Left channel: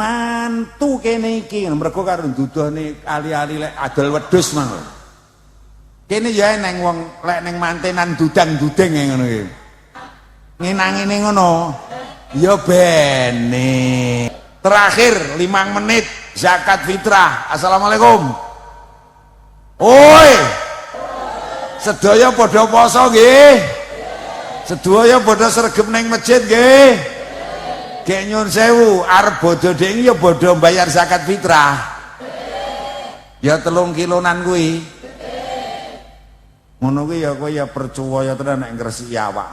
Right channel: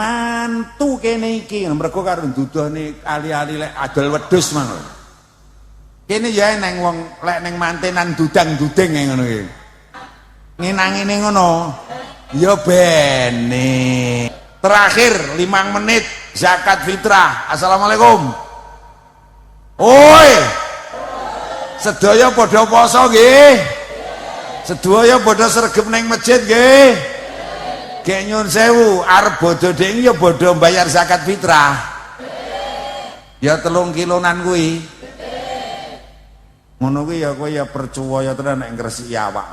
mantu kene iki mergo karo duduhne ali-ali lek adol wedhus mangko. Kene ya neng wong lek ning mantenan dudang-dudeng ngono iki. Ngenangine ngono. Ya bene. Terakhir 5 menit zakat fitrah. Assalamualaikum. Oi. Sedaya padha poso nggih. Sedaya padha sregep ning masjid nggih. Nggih nyuwun sewu, arep bodho dhewe ya bodho bayar zakat fitrah. Ya 3 kilonan kuwi. Ngono kuwi ya kowe ya percaya tenan nek ngresiki awak.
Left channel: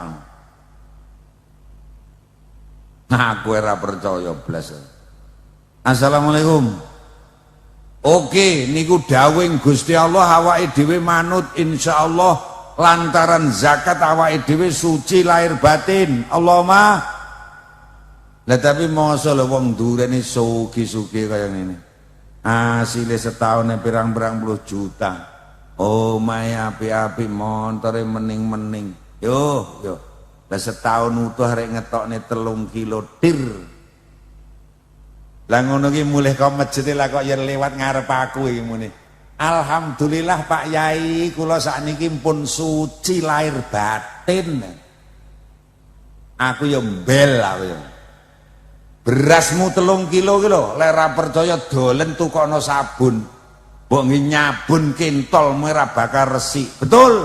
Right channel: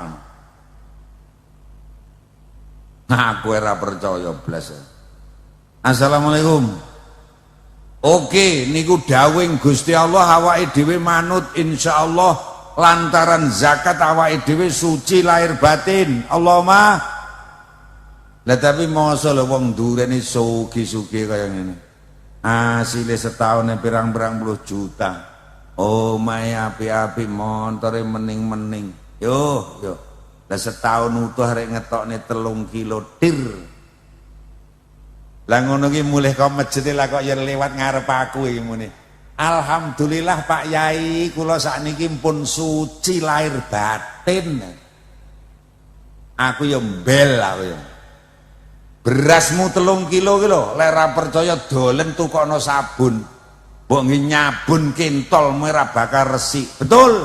Nah, kowe ora percaya blas. Assalamualaikum. Oke, niku dawuh Gusti Allah awake dhewe manut insyaallah lantaran zakat awake dhewe suci lahir batin. Allahumma. Lah tapi mosok lho wong durene sugi-sugi kaya ngene. Asile setahun pirang-pirang puluh juta. Oh, mae api-api montore mening-mening. Yo. Lah setahun utuh arek ngetokne 3 kilo tir. Lah ngono ki mulih kok masjid lah kok ya lewat ngarep aku iki muni. Alhamdulillah Pak Yai, kula sakniki pun suci lahir batin. Aku ya mbel aku. Berasmu 3 kilo ki lho, lek ora percaya dolen tukokno sabun. Mbok nyabun kentol merah bakar resik. Betul?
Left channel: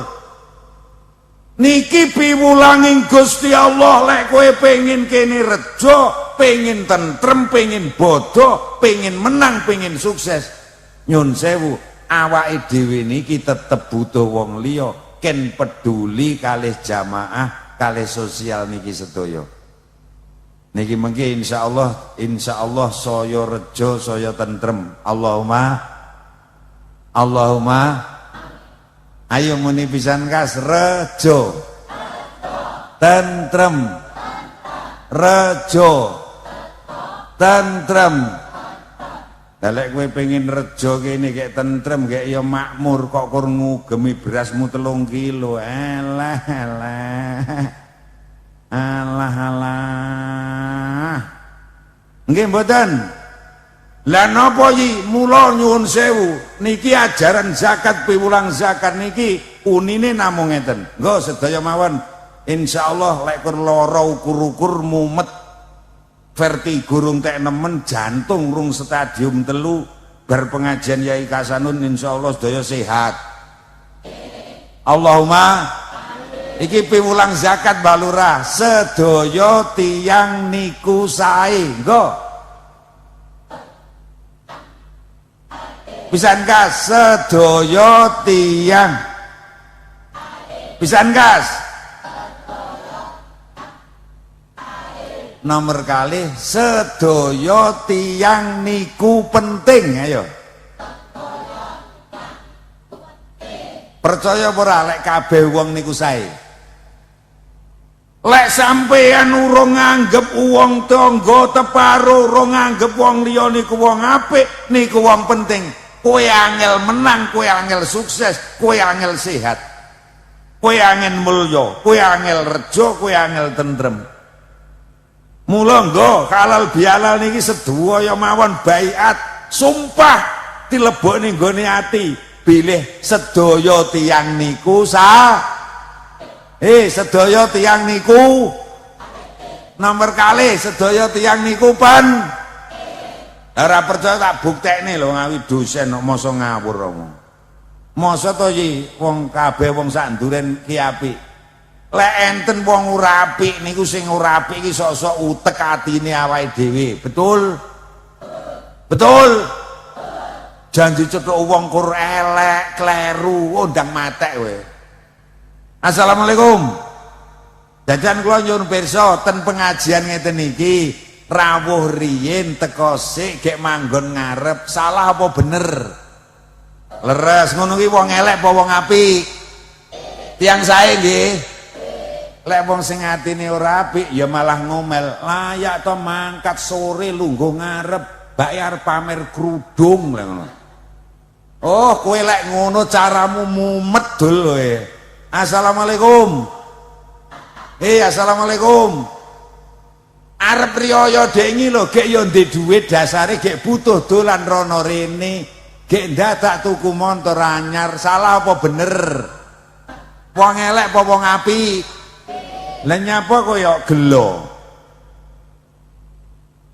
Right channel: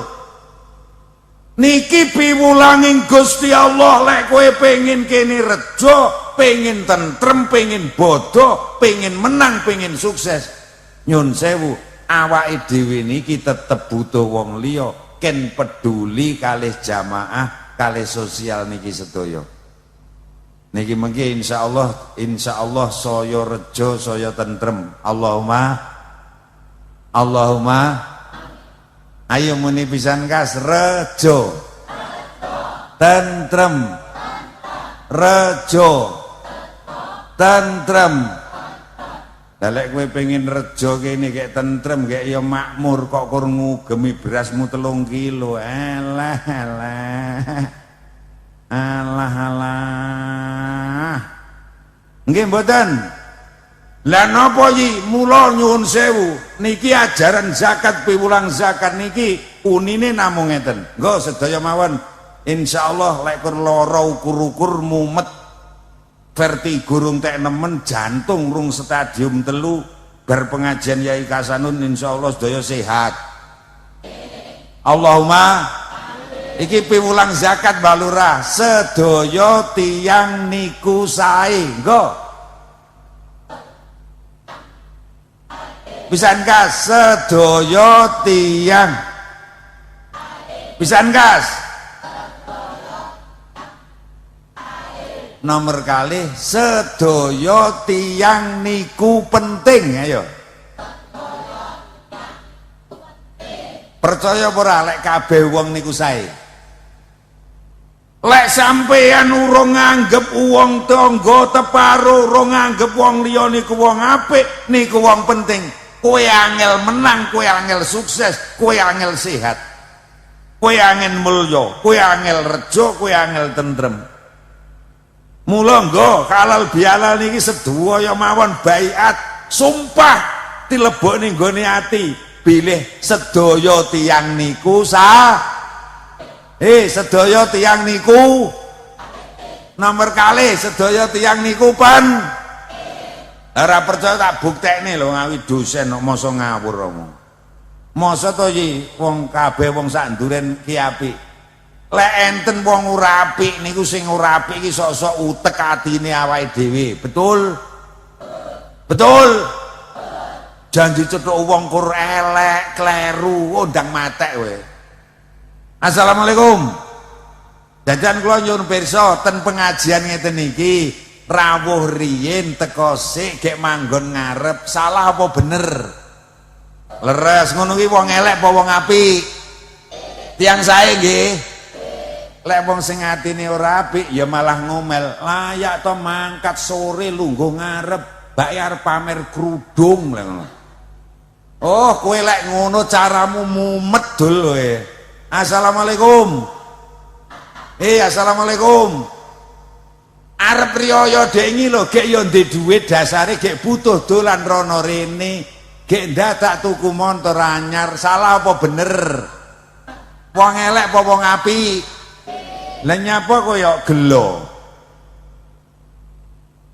Niki piwulanging Gusti Allah lek kowe pengin kene rejo, pengin tentrem, pengin bodoh, pengin menang, pengin sukses. Nyun sewu, awake dhewe niki tetep butuh wong liya ken peduli kalih jamaah, kalih sosial niki sedaya. Niki mengke insyaallah saya rejo, saya tentrem. Allahumma ayo muni pisan kas rejo tentrem rejo tentrem. Lek kowe pengen rejo kene kek tentrem kek ya makmur kok kur ngugemi berasmu 3 kilo. Alah. Nggih mboten. Lah napa iki mula nyuwun sewu niki ajaran zakat piwulang zakat niki unine namung ngeten. Nggo sedaya mawon insyaallah lek kur lara ukur-ukur mumet vertigo runtek nemen jantung rung stadium 3 bar pengajian Yai Kasanun insyaallah sedaya sehat. Allahumma iki piwulang zakat balura sedaya tiyang niku sae. Nggo pisan gas sedaya tiyang pisan gas nomor kali sedaya tiyang niku penting. Ayo percaya ora lek kabeh wong niku sae. Lek sampeyan urung nganggep wong tangga teparo, urung nganggep wong liya niku wong apik, niku wong penting. Kowe angel menang, kowe angel sukses, kowe angel sehat, kowe angel mulya, kowe angel rejo, kowe angel tentrem. Mula nggo kalal bialal niki sedaya mawon baiat sumpah dilebokne nggone ati bilih sedaya tiyang niku sedaya tiyang niku nomor kali sedaya tiyang niku pan. Ora percaya tak buktekne lho ngawi dosen kok masa ngawur apa. Masa to iki wong kabeh wong sak nduren ki apik. Lek enten wong ora apik niku sing ora apik iki sok-sok utek atine awake dhewe. Betul? Betul? Janji cetok wong kur elek, kleru, ndang matek kowe. Assalamualaikum. Dadan kula nyuwun pirsa ten pengajian ngeten iki rawuh riyin teko sik gek manggon ngarep salah apa bener? Leres ngono ki wong elek apa wong apik? Tiang sae nggih. Lek wong sing atine ora apik ya malah ngomel. Layak to mangkat sore lungguh ngarep bayar pamer kerudung lek ngono. Oh, kowe lek ngono caramu mumet dul kowe. Assalamualaikum. Assalamualaikum. arep riyaya dengi lho gek yo ndek dhuwit dasare gek butuh dolan rono rene gek dadak tuku montor anyar salah apa bener wong elek apa wong apik lha nyapa kaya gelo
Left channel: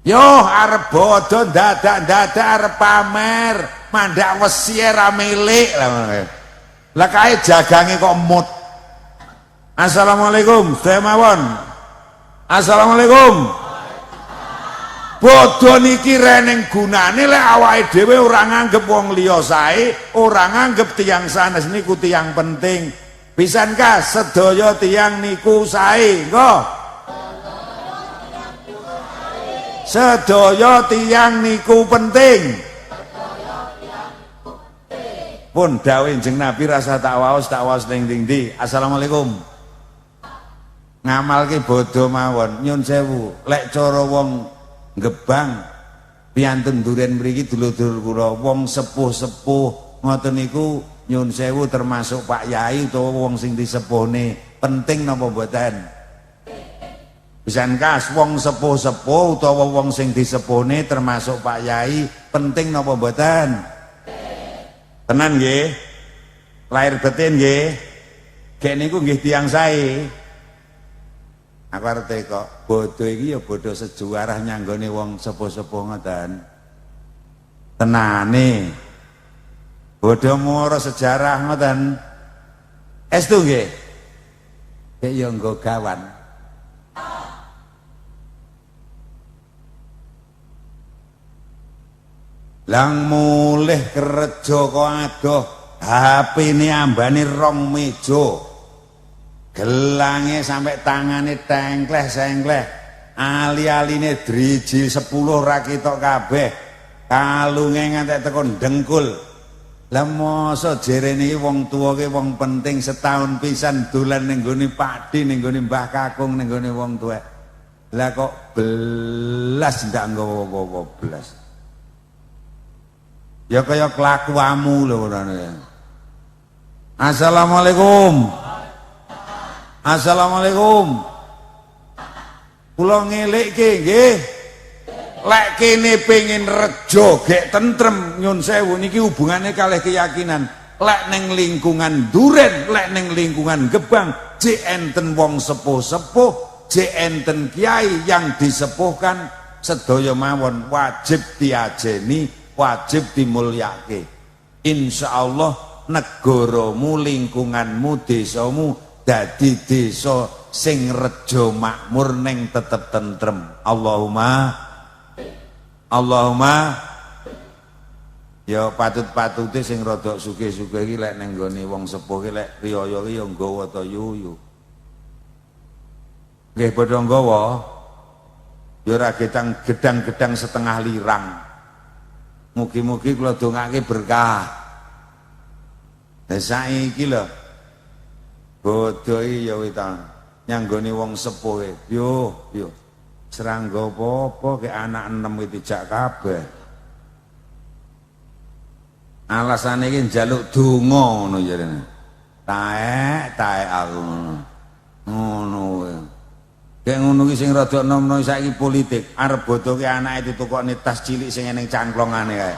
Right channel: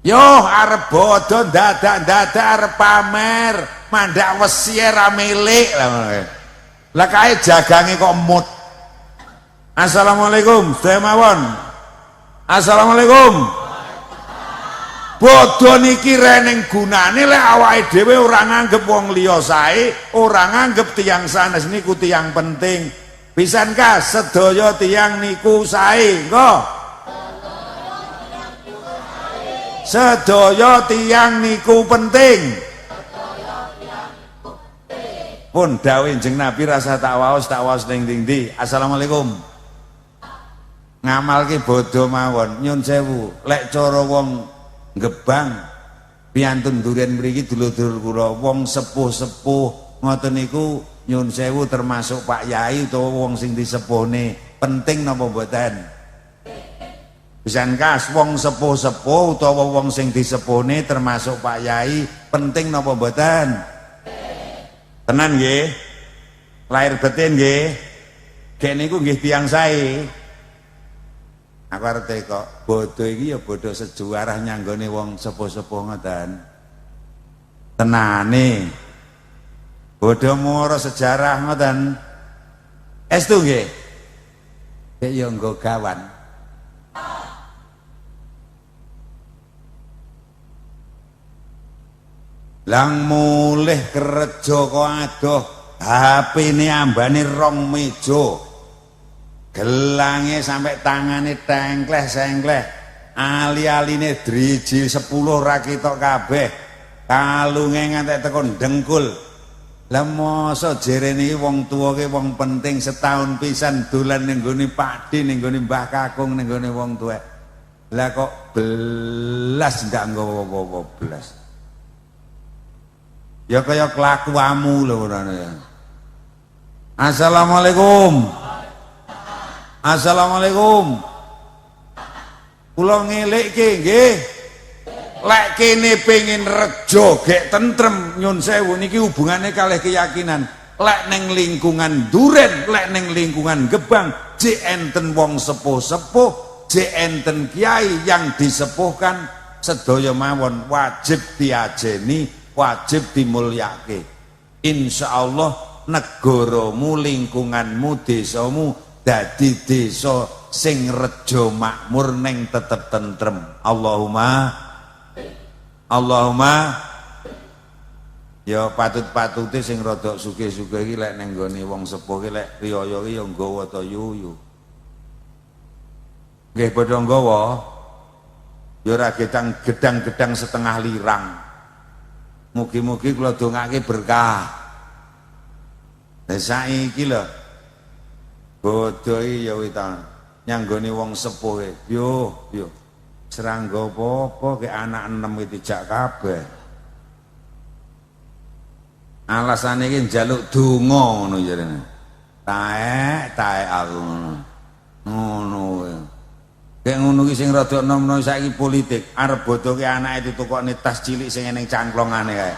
yo arep bodho dadak arep pamer mandak wesi ra milik lah kae jagange kok mut. Assalamualaikum saya mawon. Assalamualaikum. Bodho niki reneng gunane lek awake dhewe ora nganggep wong liya sae, ora nganggep tiyang sanes niku tiyang penting. Pisankah sedaya tiyang niku sae, kok? Sedaya tiyang niku penting. Pun dawuh Kanjeng Nabi rasa tak waos ning ndi. Assalamualaikum. Ngamalke bodho mawon nyun sewu lek cara wong Gebang piantun duren mriki dulur-dulur kula wong sepuh-sepuh ngoten niku nyun sewu termasuk Pak Yai utawa wong sing disepuhne penting napa mboten? Pisankah wong sepuh-sepuh utawa wong sing disepuhne termasuk Pak Yai penting napa mboten? Tenan nggih? Lahir batin nggih? Gek niku nggih tiyang sae. Aku arep kok bodho iki ya bodho sejarah nyanggone wong sepuh-sepuh ngoten. Tenane. Bodho moro sejarah ngoten. Estu nggih. Nek ya nggo gawan. Lang mulih kerja kok adoh HP-ne ambane 2 meja. Gelange sampai tangane tengkleh-sengkleh ali-aline driji 10 ra ketok kabeh kalunge ngantek teko ndengkul lah mosok jerene wong tuwa ki wong penting setahun pisan dolan ning gone padi ning gone Mbah Kakung ning gone wong tuwek lah kok belas ndak nggawa apa belas ya kaya kelakuanmu lho ngono. Assalamualaikum. Assalamualaikum. Kula ngelikke nggih. Lek kene pengin rejo gek tentrem nyun sewu niki hubungane kalih keyakinan. Lek ning lingkungan Duren, lek ning lingkungan Gebang, jek enten wong sepuh-sepuh, jek enten kiai yang disepuhkan sedaya mawon wajib diajeni, wajib dimulyake. Insyaallah negaramu, lingkunganmu, desamu dadi desa sing rejo makmur ning tetep tentrem. Allahumma ya patut-patute sing rada sugih-sugih iki lek ning nggone wong sepuh iki lek riyaya iki ya nggawa ta yuyu. Nggih padha nggawa. Ya ora gedang-gedang setengah lirang. Mugi-mugi kula dongake berkah. Lah saiki lho bodho iki ya witan nyanggone wong sepuh yo serangga apa-apa ke anak 6 iki dijak kabeh. Alasane iki njaluk donga ngono jarene. Taek aku ngono. Kayak ngono ki sing rada nom-nom saiki politik arep bodoke anake ditukokne tas cilik sing eneng cangklongane kae.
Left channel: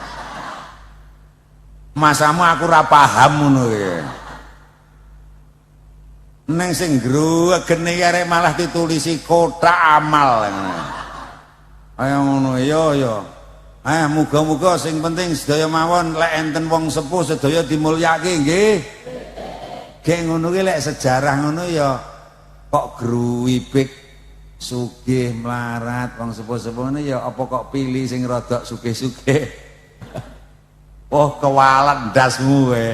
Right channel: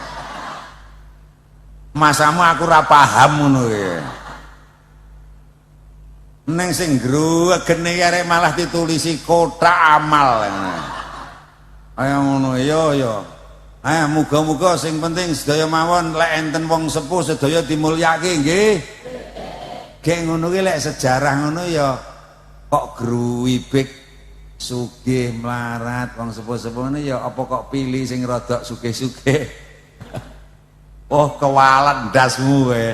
Masamu aku ora paham ngono ki. Neng sing grugene arek malah ditulisi kotak amal. Ayo ngono ya. Muga-muga sing penting sedaya mawon lek enten wong sepuh sedaya dimulyake nggih. Gek ngono ki lek sejarah ngono ya kok gruwibik sugih melarat wong sepuh-sepuhne ya apa kok pilih sing rada sugih-sugih. Oh kewalet ndasmu kowe.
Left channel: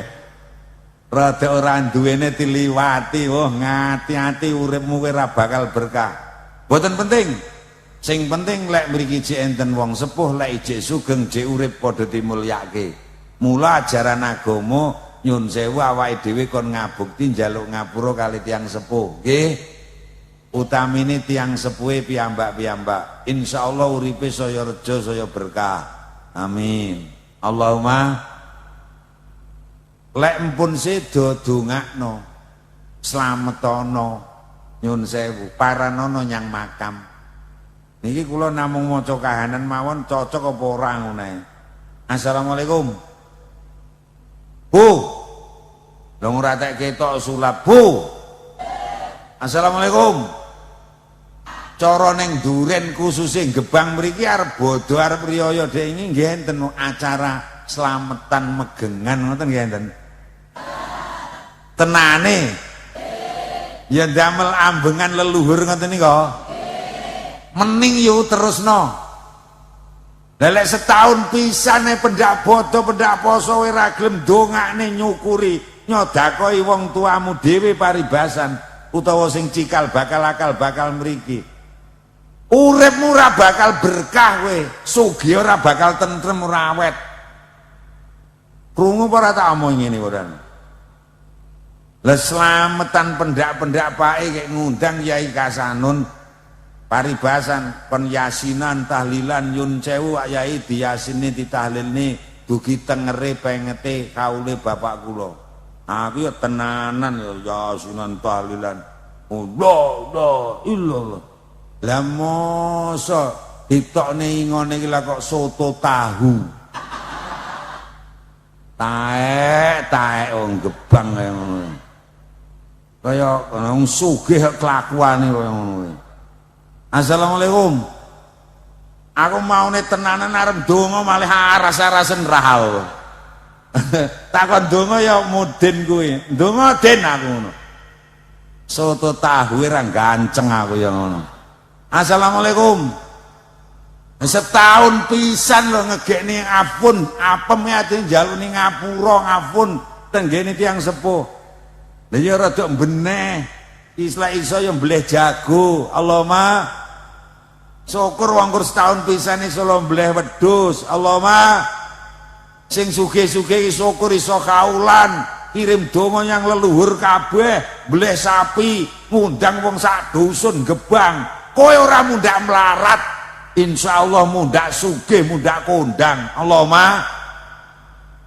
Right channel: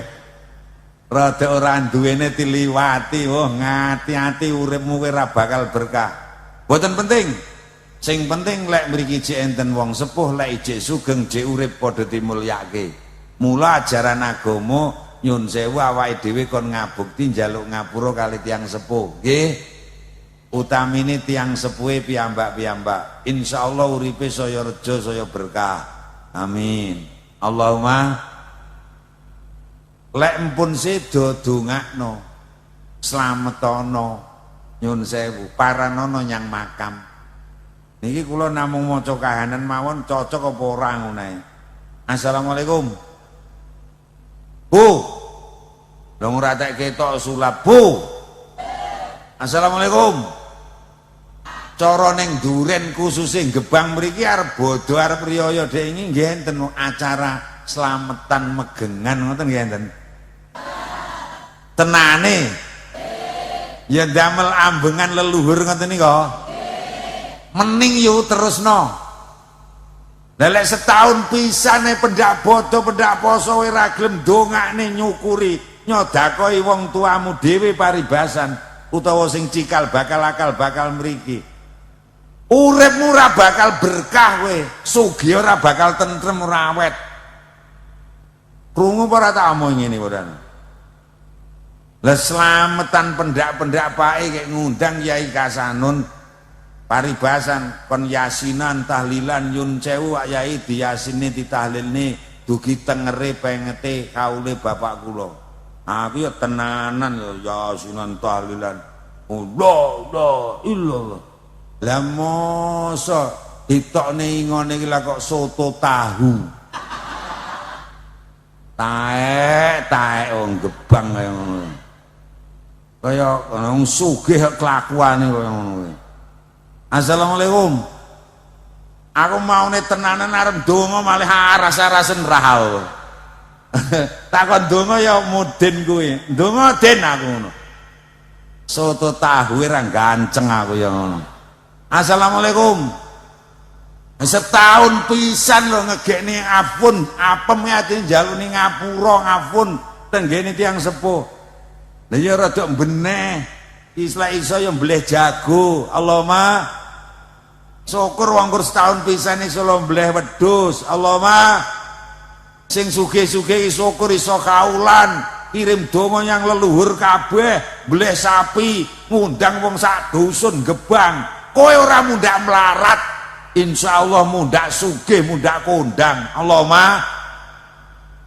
Rada ora duwene diliwati. Oh ngati-ati uripmu kowe ora bakal berkah. Mboten penting. Sing penting lek mriki jek enten wong sepuh lek jek sugeng jek urip padha dimulyake. Mula ajaran agama nyun sewu awake dhewe kon ngabukti njaluk ngapura kali tiyang sepuh. Nggih. Utamine tiyang sepuhe piyambak-piyambak. Insyaallah uripe saya rejo saya berkah. Amin. Allahumma lek mpun sedo dongakno slametono nyun sewu paranono nyang makam Niki kula namung maca kahanan mawon cocok apa ora ngono ae. Assalamualaikum. Bu. Lah ora tak ketok sulap, Bu. Assalamualaikum. Cara ning Duren khususé Gebang mriki arep bodho arep riyaya dhek ini nggih enten acara slametan megengan ngoten nggih enten. Tenane. Ya damel ambengan leluhur ngoten nika. Mending yo terusno. Lelek setahun pisane pendak bodo pendak poso ora gelem dongakne nyukuri nyodakoi wong tuamu dhewe paribasan utawa sing cikal bakal akal bakal mriki. Uripmu ora bakal berkah kowe, sugih ora bakal tentrem ora awet. Krungu ora tak omong ngene ora. Lah slametan pendak-pendak pae kek ngundang Yai Kasanun paribasan kon yasinan tahlilan yun sewu Yai diyasine ditahlilne dugi tengere pengete kaule bapak kula. Aku ya tenanan ya yasinan tahlilan. Allah illallah. Lah mosok ditokne ingone iki lah kok soto tahu. Taek wong Gebang ngono. Kaya wong sugih kelakuane kaya ngono. Assalamualaikum. Aku maune tenanan arep donga malih aras-arasen rahal. Takon donga ya mudin kuwi. Donga den aku ngono. Soto tahu ora ganceng aku ya ngono. Assalamualaikum. Setahun pisan lho ngegekne apun, apem ati njaluk ning ngapura ngapun tenggene tiyang sepuh. Lah ya rada beneh. Iso ya mbleh jago. Allahumma syukur wongkur setahun pisan iso mbleh wedhus. Allahumma sing sugih-sugih syukur iso kaulan. Kirim donga yang leluhur kabeh, mbleh sapi, ngundang wong sak dusun Gebang. Kowe ora mundak melarat, insyaallah mundak sugih, mundak kondang. Allahumma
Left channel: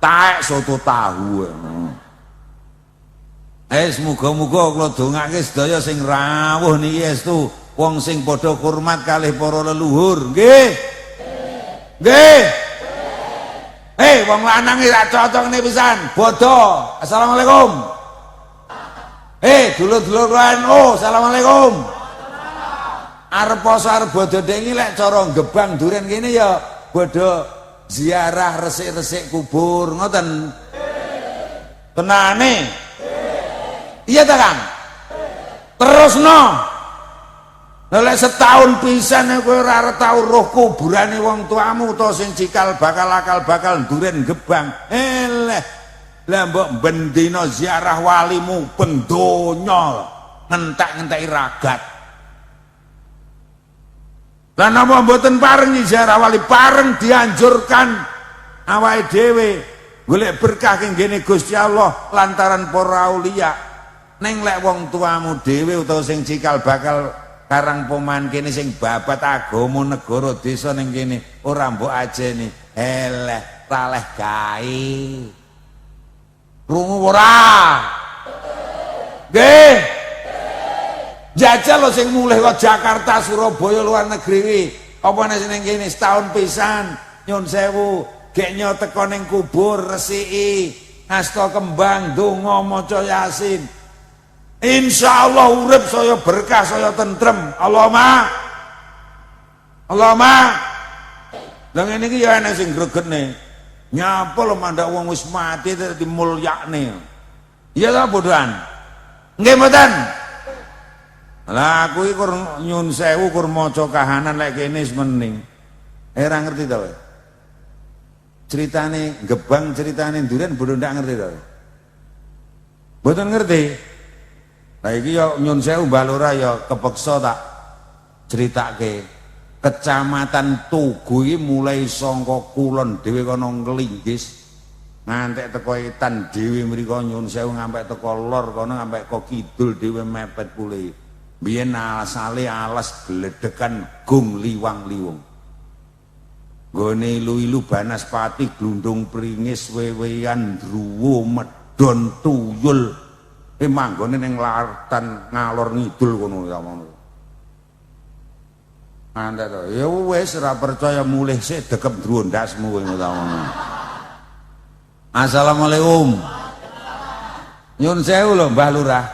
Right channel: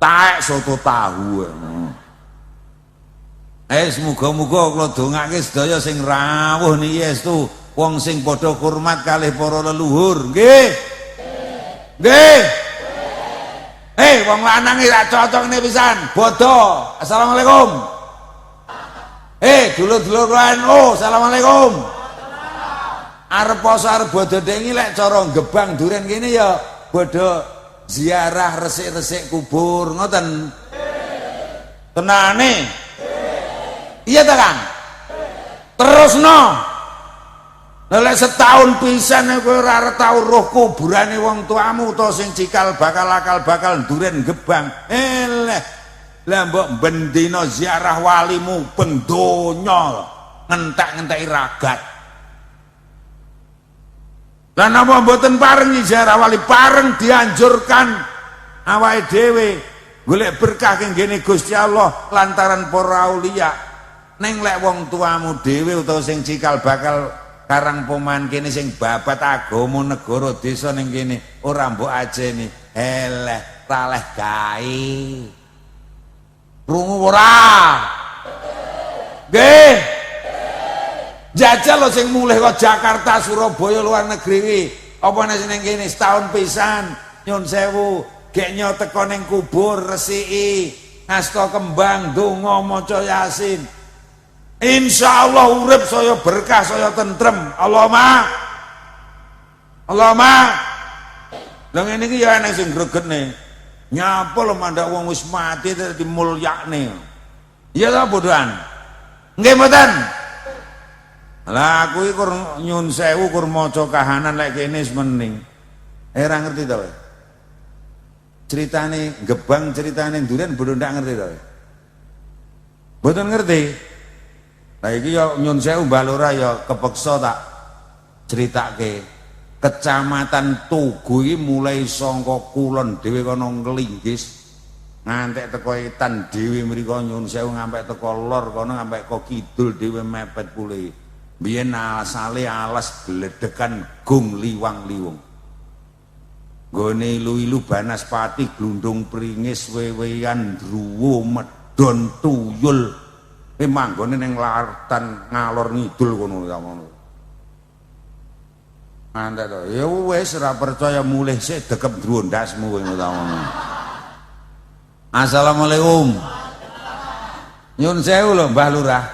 taek soto tahu. Muga-muga kula dongake sedaya sing rawuh niki estu wong sing padha hormat kalih para leluhur. Nggih. Nggih. Wong lanang iki ra cocok ne pisan. Bodho. Assalamualaikum. Dulur-dulur NU, assalamualaikum. Arep poso arep bodho iki lek cara Gebang Duren kene ya bodho ziarah resik-resik kubur ngoten. Tenane. Iya ta, Kang? Terusno. Lek setahun pisan kowe ora tau roh kuburane wong tuamu utawa sing cikal bakal akal bakal Duren Gebang. Lah mbok bendina ziarah walimu ben donya ngentek-ngenteki ragat. Lah napa mboten pareng ziarah wali pareng dianjurkan awake dhewe golek berkah keng ngene Gusti Allah lantaran para aulia. Ning lek wong tuamu dhewe utawa sing cikal bakal karang poman kene sing babat agama negara desa ning kene ora mbok ajeni eleh taleh gawe. Krungu ora? Nggih. Jajal lo sing mulih kok Jakarta, Surabaya, luar negeri apa nek ning kene setahun pisan nyun sewu gek nyo teko ning kubur resiki ngasta kembang donga maca Yasin. Insyaallah urip saya berkah saya tentrem. Allahumma Lah ngene iki ya ana sing gregetne. Nyapa lho mandak wong wis mati dadi mulyakne. Iya ta bodohan? Nggih mboten. Lah aku iki kur nyun sewu kur maca kahanan lek kene semening. Ora ngerti to. Ceritane Gebang, ceritane Duren bodo ndak ngerti to. Mboten ngerti. Lah iki yo nyun sewu Mbah Lurah ya kepeksa tak critake. Kecamatan Tugu iki mulai saka kulon dhewe kono nglinggis ngantek teko etan dhewe mriko nyun sewu ngampe teko lor kono ngampe kok kidul dhewe mepet kule. Biyen alasale alas gledekan gung liwang-liwung. Gone ilu-ilu banaspati glundung pringis wewean druwo medon tuyul. Manggone ning lartan ngalor ngidul kono ya ngono. Andar ya wis ora percaya mulih sik dekep drondasmu ngono ta. Assalamualaikum. Nyun sewu lho Mbak Lurah.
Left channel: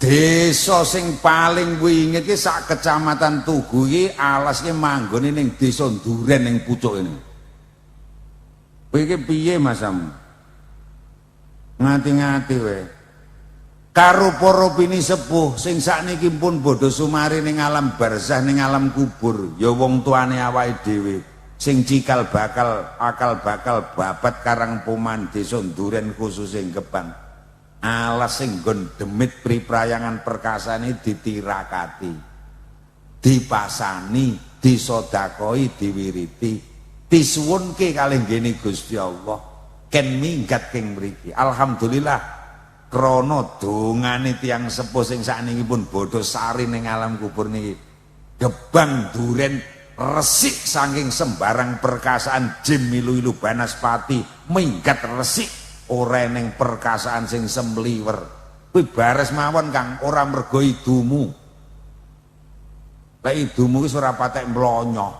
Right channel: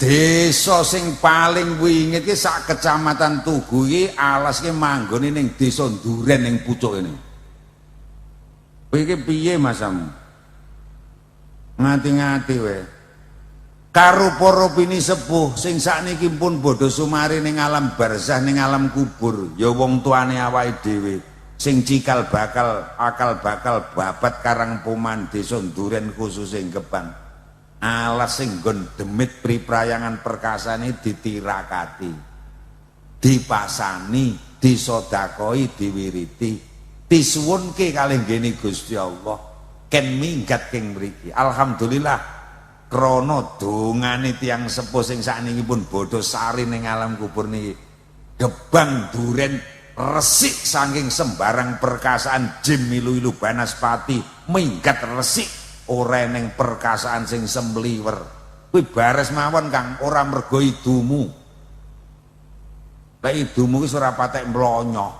Desa sing paling wingit iki sak kecamatan Tugu iki alas ki manggone ning desa Duren ning pucuk ini. Kowe iki piye masamu? Ngati-ngati wae. Karo para pini sepuh sing sakniki pun bodho sumari ning alam barzah ning alam kubur ya wong tuane awake dhewe sing cikal bakal akal bakal babat karang puman desa Duren khusus ing Kepan alas sing nggon demit priprayangan perkasane ditirakati dipasani disodakoi diwiriti disuwunke kalih nggene Gusti Allah ken minggat ing mriki alhamdulillah. Krono dongane tiyang sepuh sing sakniki pun bodho sari ning alam kubur niki Gebang Duren resik saking sembarang perkasaan jim milu-ilu banaspati minggat resik ora ning perkasaan sing semliwer kuwi bares mawon Kang ora mergo idumu lek idumu wis ora patek mlonyo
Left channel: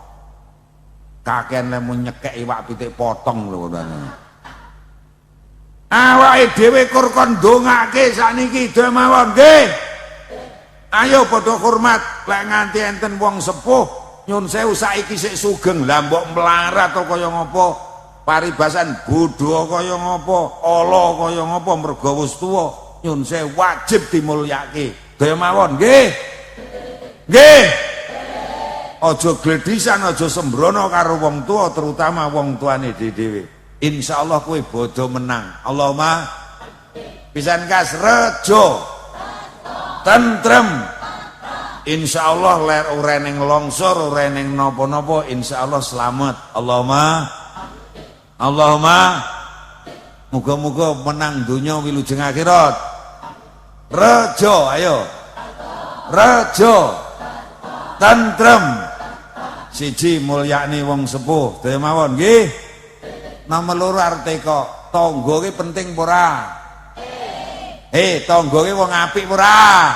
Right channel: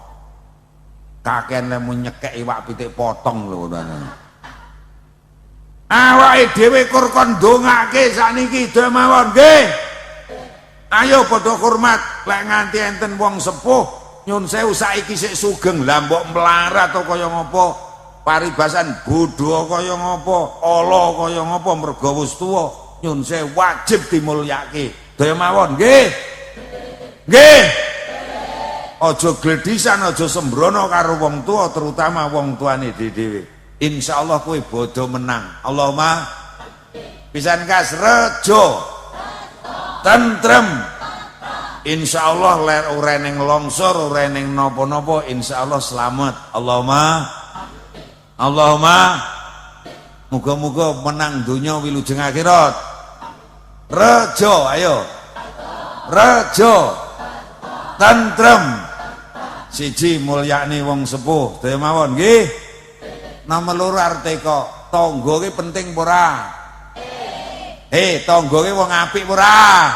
kakean lemu nyekek iwak pitik potong lho awake dhewe kur kon ndongake sakniki mawon nggih. Ayo padha hormat lek nganti enten wong sepuh nyun sewu saiki sik sugeng lah mbok melarat to kaya ngapa paribasan bodho kaya ngapa ala kaya ngapa mergo wis tuwa nyun sewu wajib dimulyake. Daya mawon nggih. Nggih. Aja gledisan aja sembrono karo wong tuwa terutama wong tuane dhewe. Insyaallah kuwi bodho menang. Allahumma pisan kas rejo tentrem. Insyaallah ler ora ning longsor ora ning napa-napa insyaallah selamat. Allahumma muga-muga menang donya wilujeng akhirat. Rejo ayo. Rejo tentrem. Siji mulyani wong sepuh. Daya mawon nggih. Nomor loro arep teko, tangga ki penting ora? Tangga ki wong apik ora?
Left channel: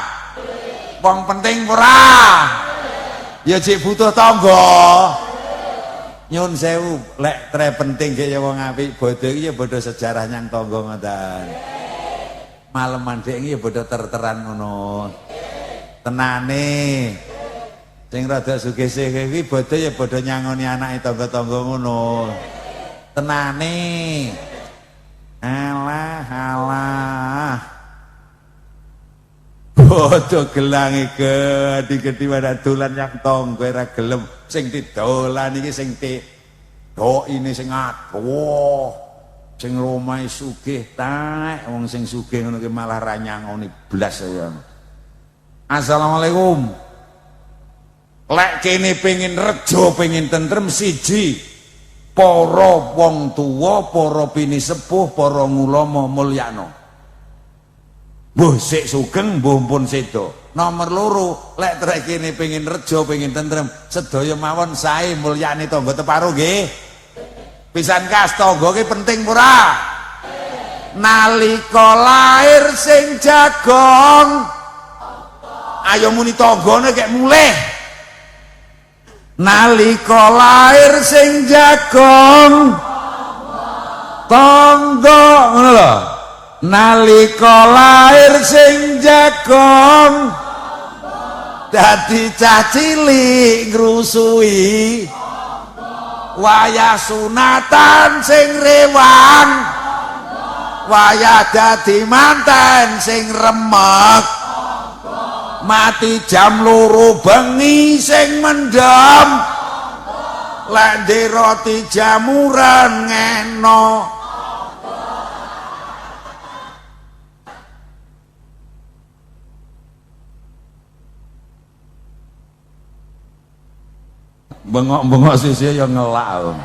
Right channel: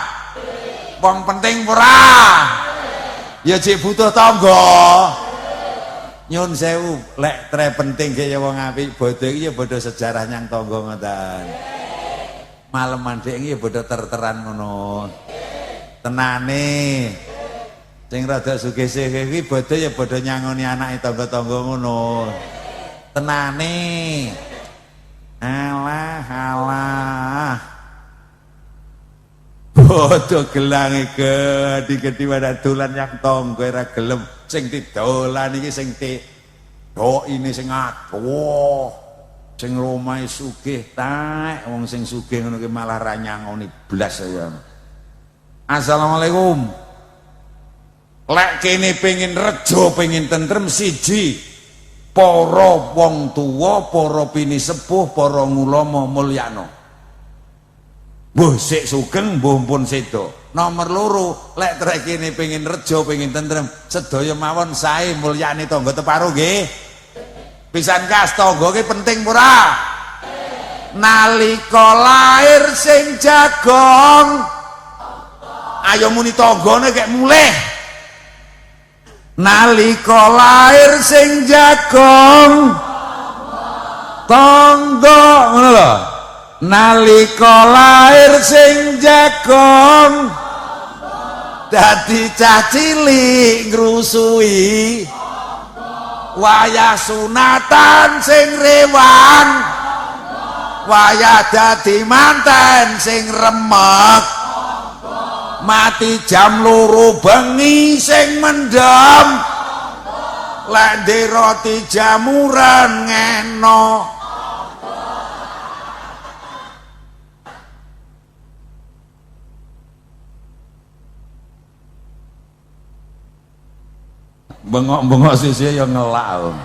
Wong penting ora? Ya jek butuh tangga. Nyun sewu, lek tre penting kaya wong apik, bodho iki ya bodho sejarah nyang tangga ngoten. Maleman dhek iki ya bodho terteran ngono. Tenane. Sing rada sugih-sugih iki bodho ya bodho nyangoni anake tangga-tangga ngono. Tenane alah bodho gelange gede-gede pada dolan yang tangga ora gelem sing didolan iki sing ini sing adoh sing omahe sugih taek wong sing sugih ngono ki malah ra nyangoni blas. Assalamualaikum. Lek kene pengin rejo pengin tentrem siji para wong tuwa, para pini sepuh, para ngulama mulyana. Mbuh sik sugeng, mbuh pun sedo. Nomor loro, lek trek kene pengin rejo, pengin tentrem, sedaya mawon sae mulyani tangga teparo nggih. Pisan kas tangga ki penting ora? Nalika lair sing jagong. Ayo muni tanggane kek mulih. Nalika lair sing jagong tangga ngono. Nalika lair sing jagong dadi cah cilik ngrusui wayah sunatan sing rewang wayah dadi manten sing remek mati jam 2 bengi sing mendem lende roti jamuran ngeno bengok-bengok sisi yang ngelak.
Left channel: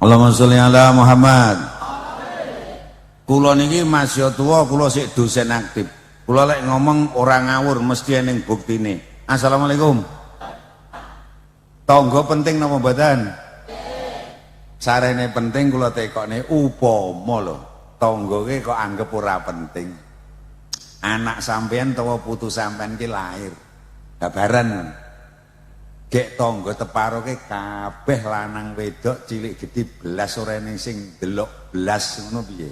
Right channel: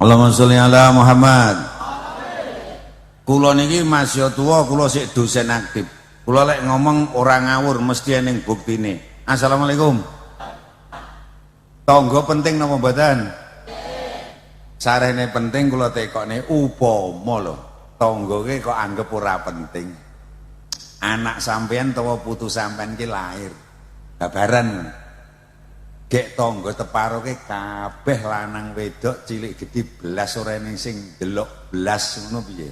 Allahumma sholli ala Muhammad. Kula niki masih tua, kula sik dosen aktif. Kula lek ngomong orang ngawur mesti ening buktine. Assalamualaikum. Tangga penting napa mboten? Sarene penting kula tekone upama lho. Tangga ki kok anggap ora penting. Anak sampean utawa putu sampean ki lahir. babaran. Gek tangga teparoke kabeh lanang wedok cilik gedhi belas ora ening sing delok belas ngono piye.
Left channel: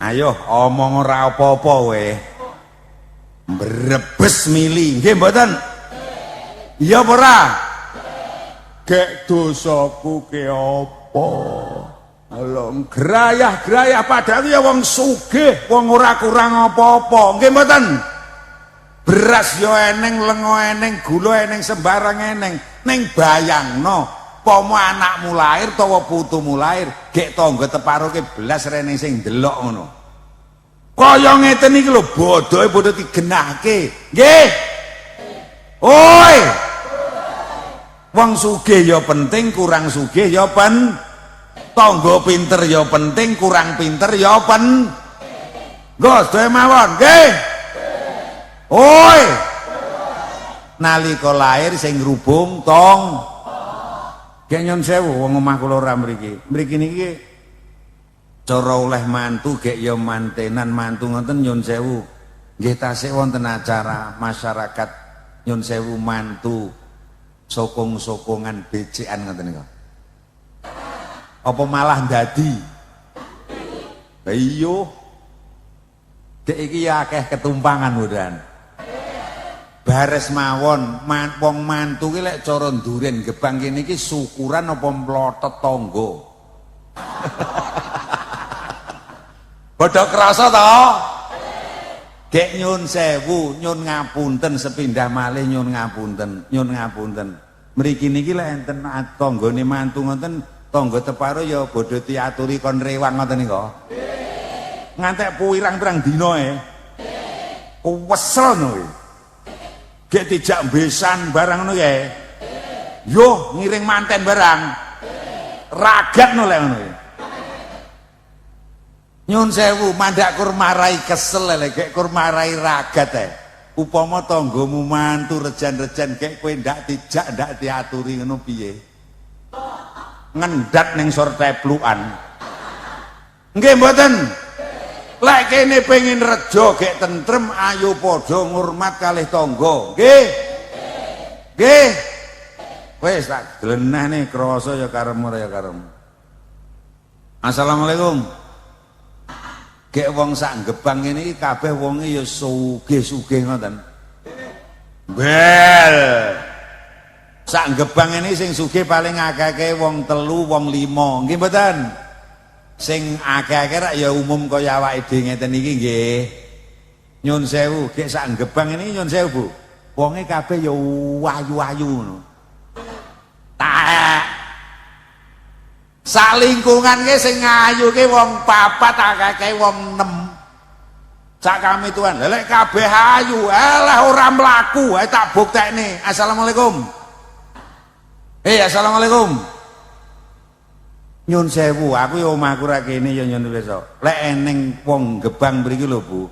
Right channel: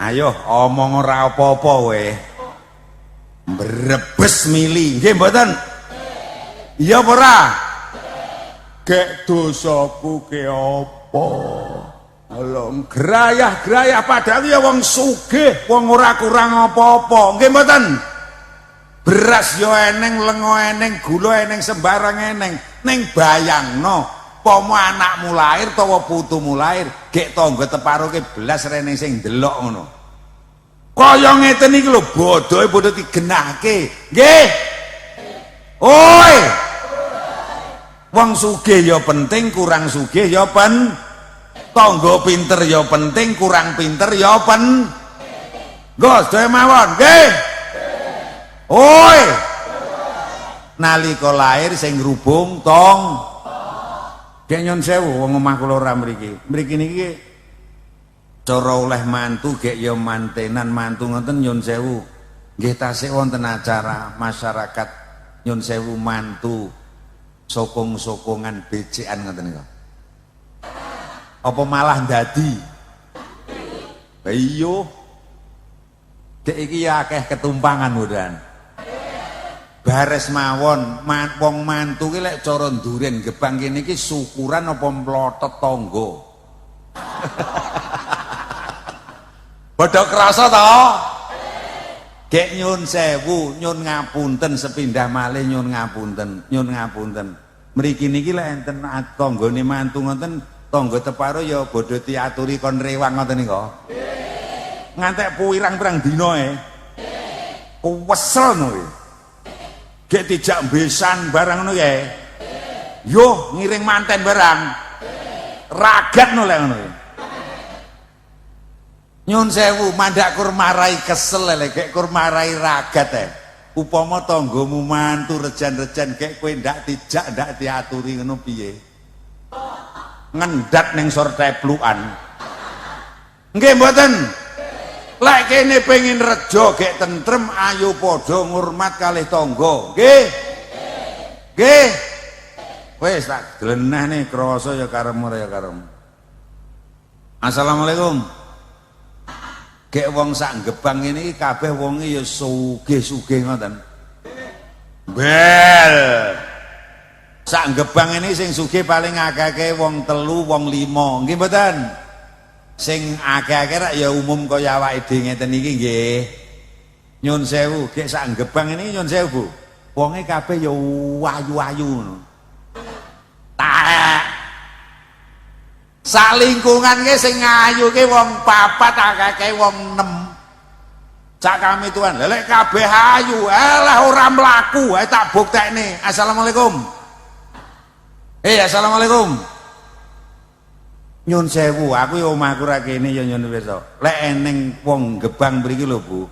Ayo omong ora apa-apa weh. Brebes mili nggih mboten? Iya ora? Gek dosaku ke apa? Alah gerayah-gerayah padahal ya wong sugih, wong ora kurang apa-apa. Nggih mboten? Beras yo eneng, lengo eneng, gula eneng, sembarang eneng. Ning bayangno, pomo anakmu lahir utawa putumu lahir, gek tangga teparoke belas rene sing delok ngono. Kaya ngeten iki lho bodohe padha digenahke. Nggih. Oi. Wong sugih ya penting, kurang sugih ya tangga pinter ya penting, kurang pinter ya Gus mawon, nggih. Oi. Nalika lahir sing grubung tong. Gek nyun sewu wong omah kula ora mriki. Mriki niki cara oleh mantu gek ya mantenan mantu ngoten nyun sewu. Nggih tasih wonten acara masyarakat nyun sewu mantu sokong-sokongan becekan ngoten niku. Apa malah dadi? Iya. Gek iki akeh ketumpangan mudan. Bares mawon wong mantu ki lek cara nduren gebang kene iki syukuran apa mlotot tangga. Padha krasa to? Gek nyun sewu, nyun ngapunten sepindah malih nyun ngapunten. Mriki niki lek enten tanggane mantu ngoten, tangga teparo ya bodho diaturi kon rewang ngoten niku. Ngantek pirang-pirang dina Kuwesel lho. Gek dijak besan barang ngono kae. Yo ngiring manten barang. Ragat no lek ngono. Nyun sewu mandak kur marai kesel lek gek kur marai ragat Upama tanggamu mantu rejan-rejan gek kowe ndak dijak ndak diaturi ngono piye? Ngendat ning sor teplukan. Nggih mboten? Lek kene pengin rejo gek tentrem ayo padha ngurmat kalih tangga. Nggih. Nggih. Wis tak gleneh krasa ya karemu ya karemu. Assalamualaikum. Gek wong sak Gebang ini kabeh wonge ya sugih-sugih ngoten. Bel. Sak Gebang ini sing sugih paling akeh wong 3, wong 5. Nggih mboten? Sing akeh-akeh rak ya umum kaya awake dhewe ngeten iki nggih. Nyun sewu, gek sak Gebang ini nyun sewu, Bu. Wonge kabeh ya ayu-ayu ngono. Tak. Sak lingkungan ki sing ayu ki wong 4, akeh wong 6. Cak kami tuan, lek kabeh ayu, alah ora mlaku, tak buktekne. Assalamualaikum. Assalamualaikum. Nyun sewu, aku ya omahku ra kene ya nyun nulis. Lek eneng wong Gebang mriki lho, Bu.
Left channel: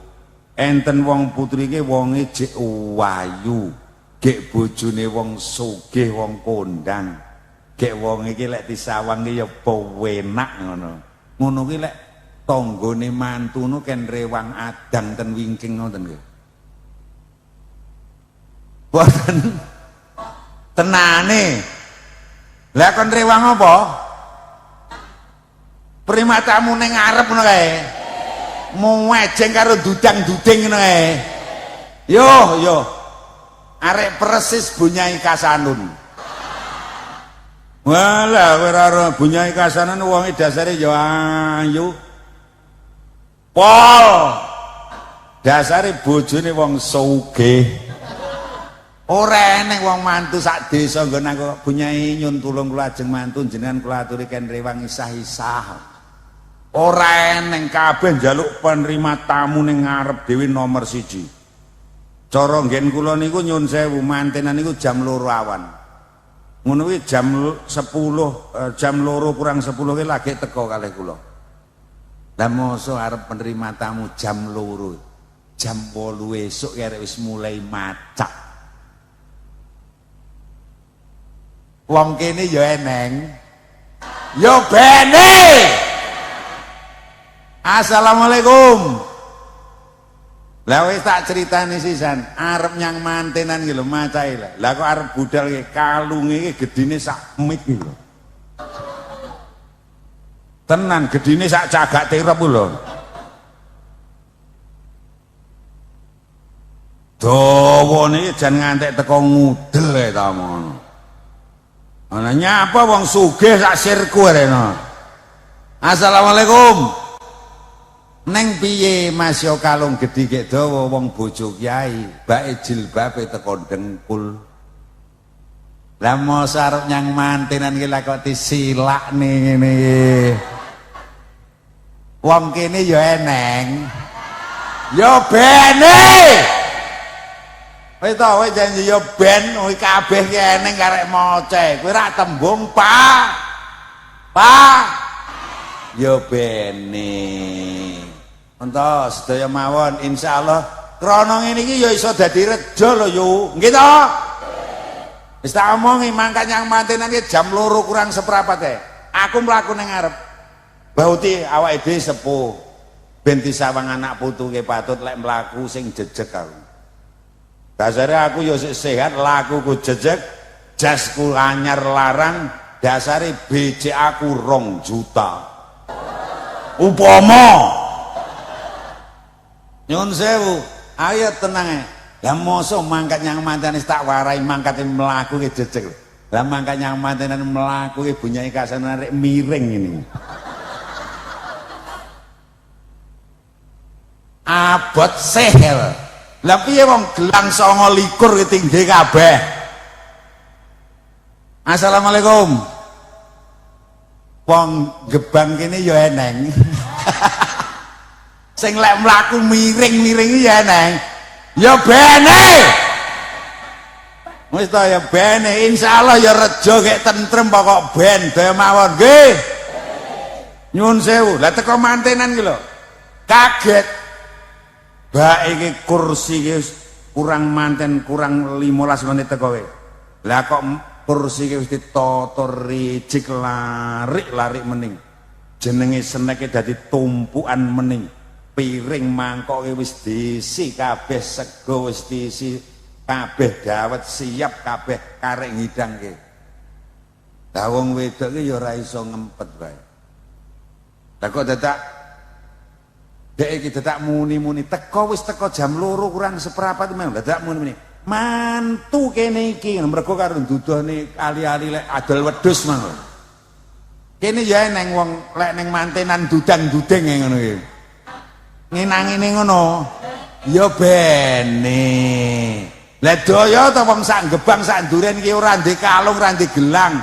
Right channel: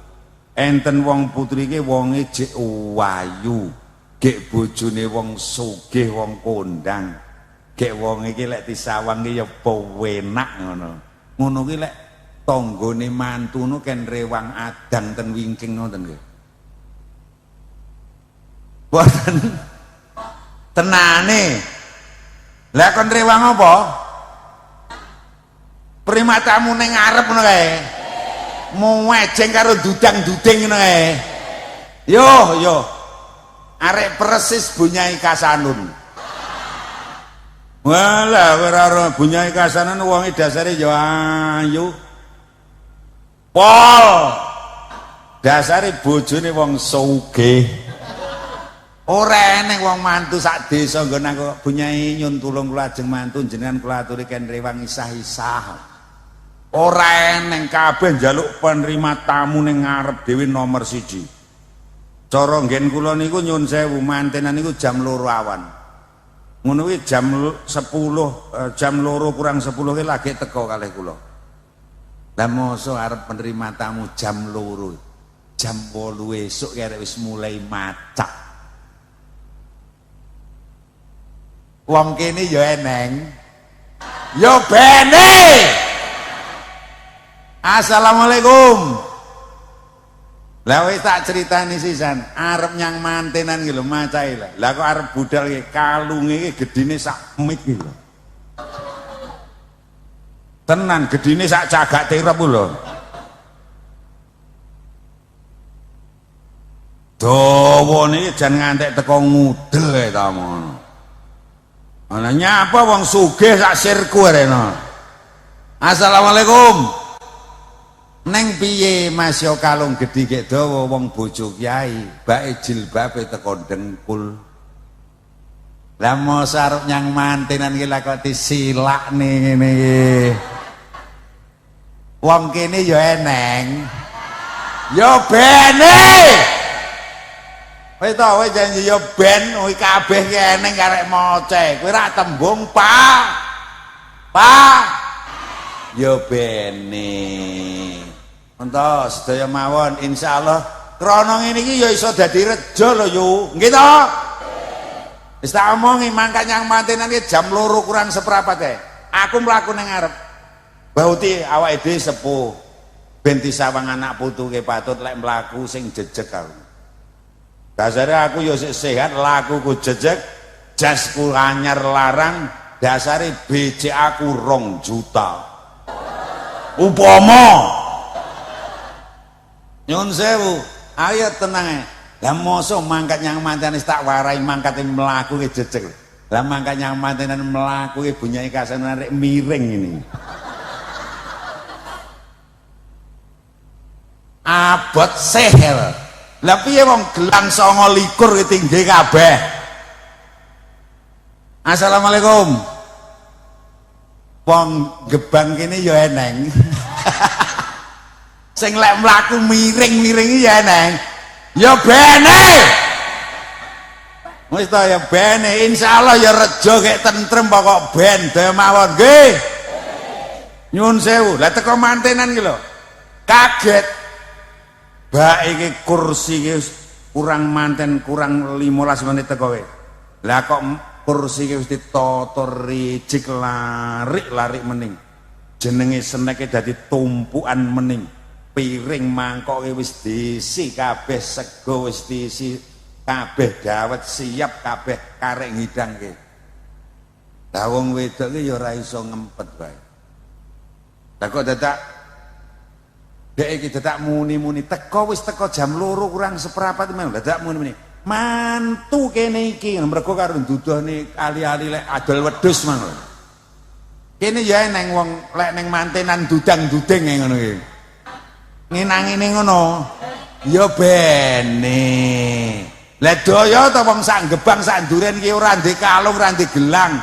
Enten wong putri ki wonge jek ayu. Gek bojone wong sugih, wong kondang. Gek wong iki lek disawang ya penak ngono. Ngono ki lek tanggane mantune ken rewang adang ten wingking ngoten nggih. Boten tenane. Lah kon rewang apa? Primatamu ning ngarep ngono kae. Muwejeng karo dudang-duding ngono kae. Yo. Arek persis Bunyai Kasanun. Walah ora Bunyai Kasanun wonge dasare yo ayu. Pol. Dasare bojone wong sugih. Ora eneng wong mantu sak desa nggon aku Bunyai nyun tulung kula ajeng mantu jenengan kula aturi ken riwang isah-isah. Ora eneng kabeh njaluk penerima tamu ning ngarep dhewe nomor 1. Cara nggen kula niku nyun sewu mantenan niku jam 2 awan. Ngono kuwi jam 10, jam 2 kurang 10 ki lagi teko kalih kula. Lah mosok arep penerima tamu jam 2. Jam 8 esuk kere wis mulai macak. Wong kene ya eneng. Ya bene. Assalamualaikum. Lah wis tak critani sisan, arep nyang mantenan iki lho macahe lah. Lah kok arep budal iki kalunge iki gedine sak mik iki lho. Tenan gedine sak cagak tirep lho. Dawane jan ngantek teko ngudel ae ta ngono. Ana nyapa wong sugih sak sirku rene. Assalamualaikum. Neng piye Mas yo kalung gedhe gek dawa wong bojo kiai, bae jilbabe teko dengkul. Lah mos arep nyang mantenan iki lakoti silakne ngene. Wong kene yo eneng. Yo bene. Kowe ta kowe janji yo ben, kowe kabeh ki eneng karek moce. Kowe ra tembung, Pak. Pak. Yo bene. Entah sedaya mawon insyaallah krana ngene iki ya iso dadi reja lho yo. Nggih to? Wis tak omongi mangkat nyang mantenan iki jam 2 kurang seprapat ae. Aku mlaku ning ngarep. Bauti awake dhewe sepuh. Ben disawang anak putunge patut lek mlaku sing jejeg aku. Dasare aku yo sehat, lakuku jejeg, jasku anyar larang, dasare BC aku 2 juta. Upama nyun sewu, ayo tenang. Lah mosok mangkat nyang mantenan tak warai mangkate mlaku ki jejeg. Lah mangkat nyang mantenan mlaku ki bunyai kasane rek miring ngene. Abot sehel. Lah piye wong gelang 29 ki tinggi kabeh. Assalamualaikum. Wong gebang kene ya eneng. Sing lek mlaku miring-miring iki ya neng. Ya bene. Wis ta ya bene insyaallah ya rejo gek tentrem pokok ben daya mawon nggih. Nyun sewu, lah teko mantenan iki lho. Kaget. Bae iki kursi iki kurang manten kurang 15 menit teko kowe. Lah kok kursi iki wis ditata ricik larik-larik mening. Jenenge seneke dadi tumpukan mening. Piring mangkoke wis diisi kabeh, sego wis diisi kabeh, dawet siap kabeh karek ngidangke. Lah wong wedok iki ya ora iso ngempet wae. Lah kok dadak dek iki dadak muni-muni teko wis teko jam 2 kurang seprapat men dadak muni-muni. Mantu kene iki mergo karo duduhne ali-ali lek adol wedhus ngono. Kene ya neng wong lek ning mantenan dudang-dudeng ngono iki. Ngenangine ngono ya bene. Lah daya ta wong sak gebang sak duren ki ora ndek kalung ora ndek gelang.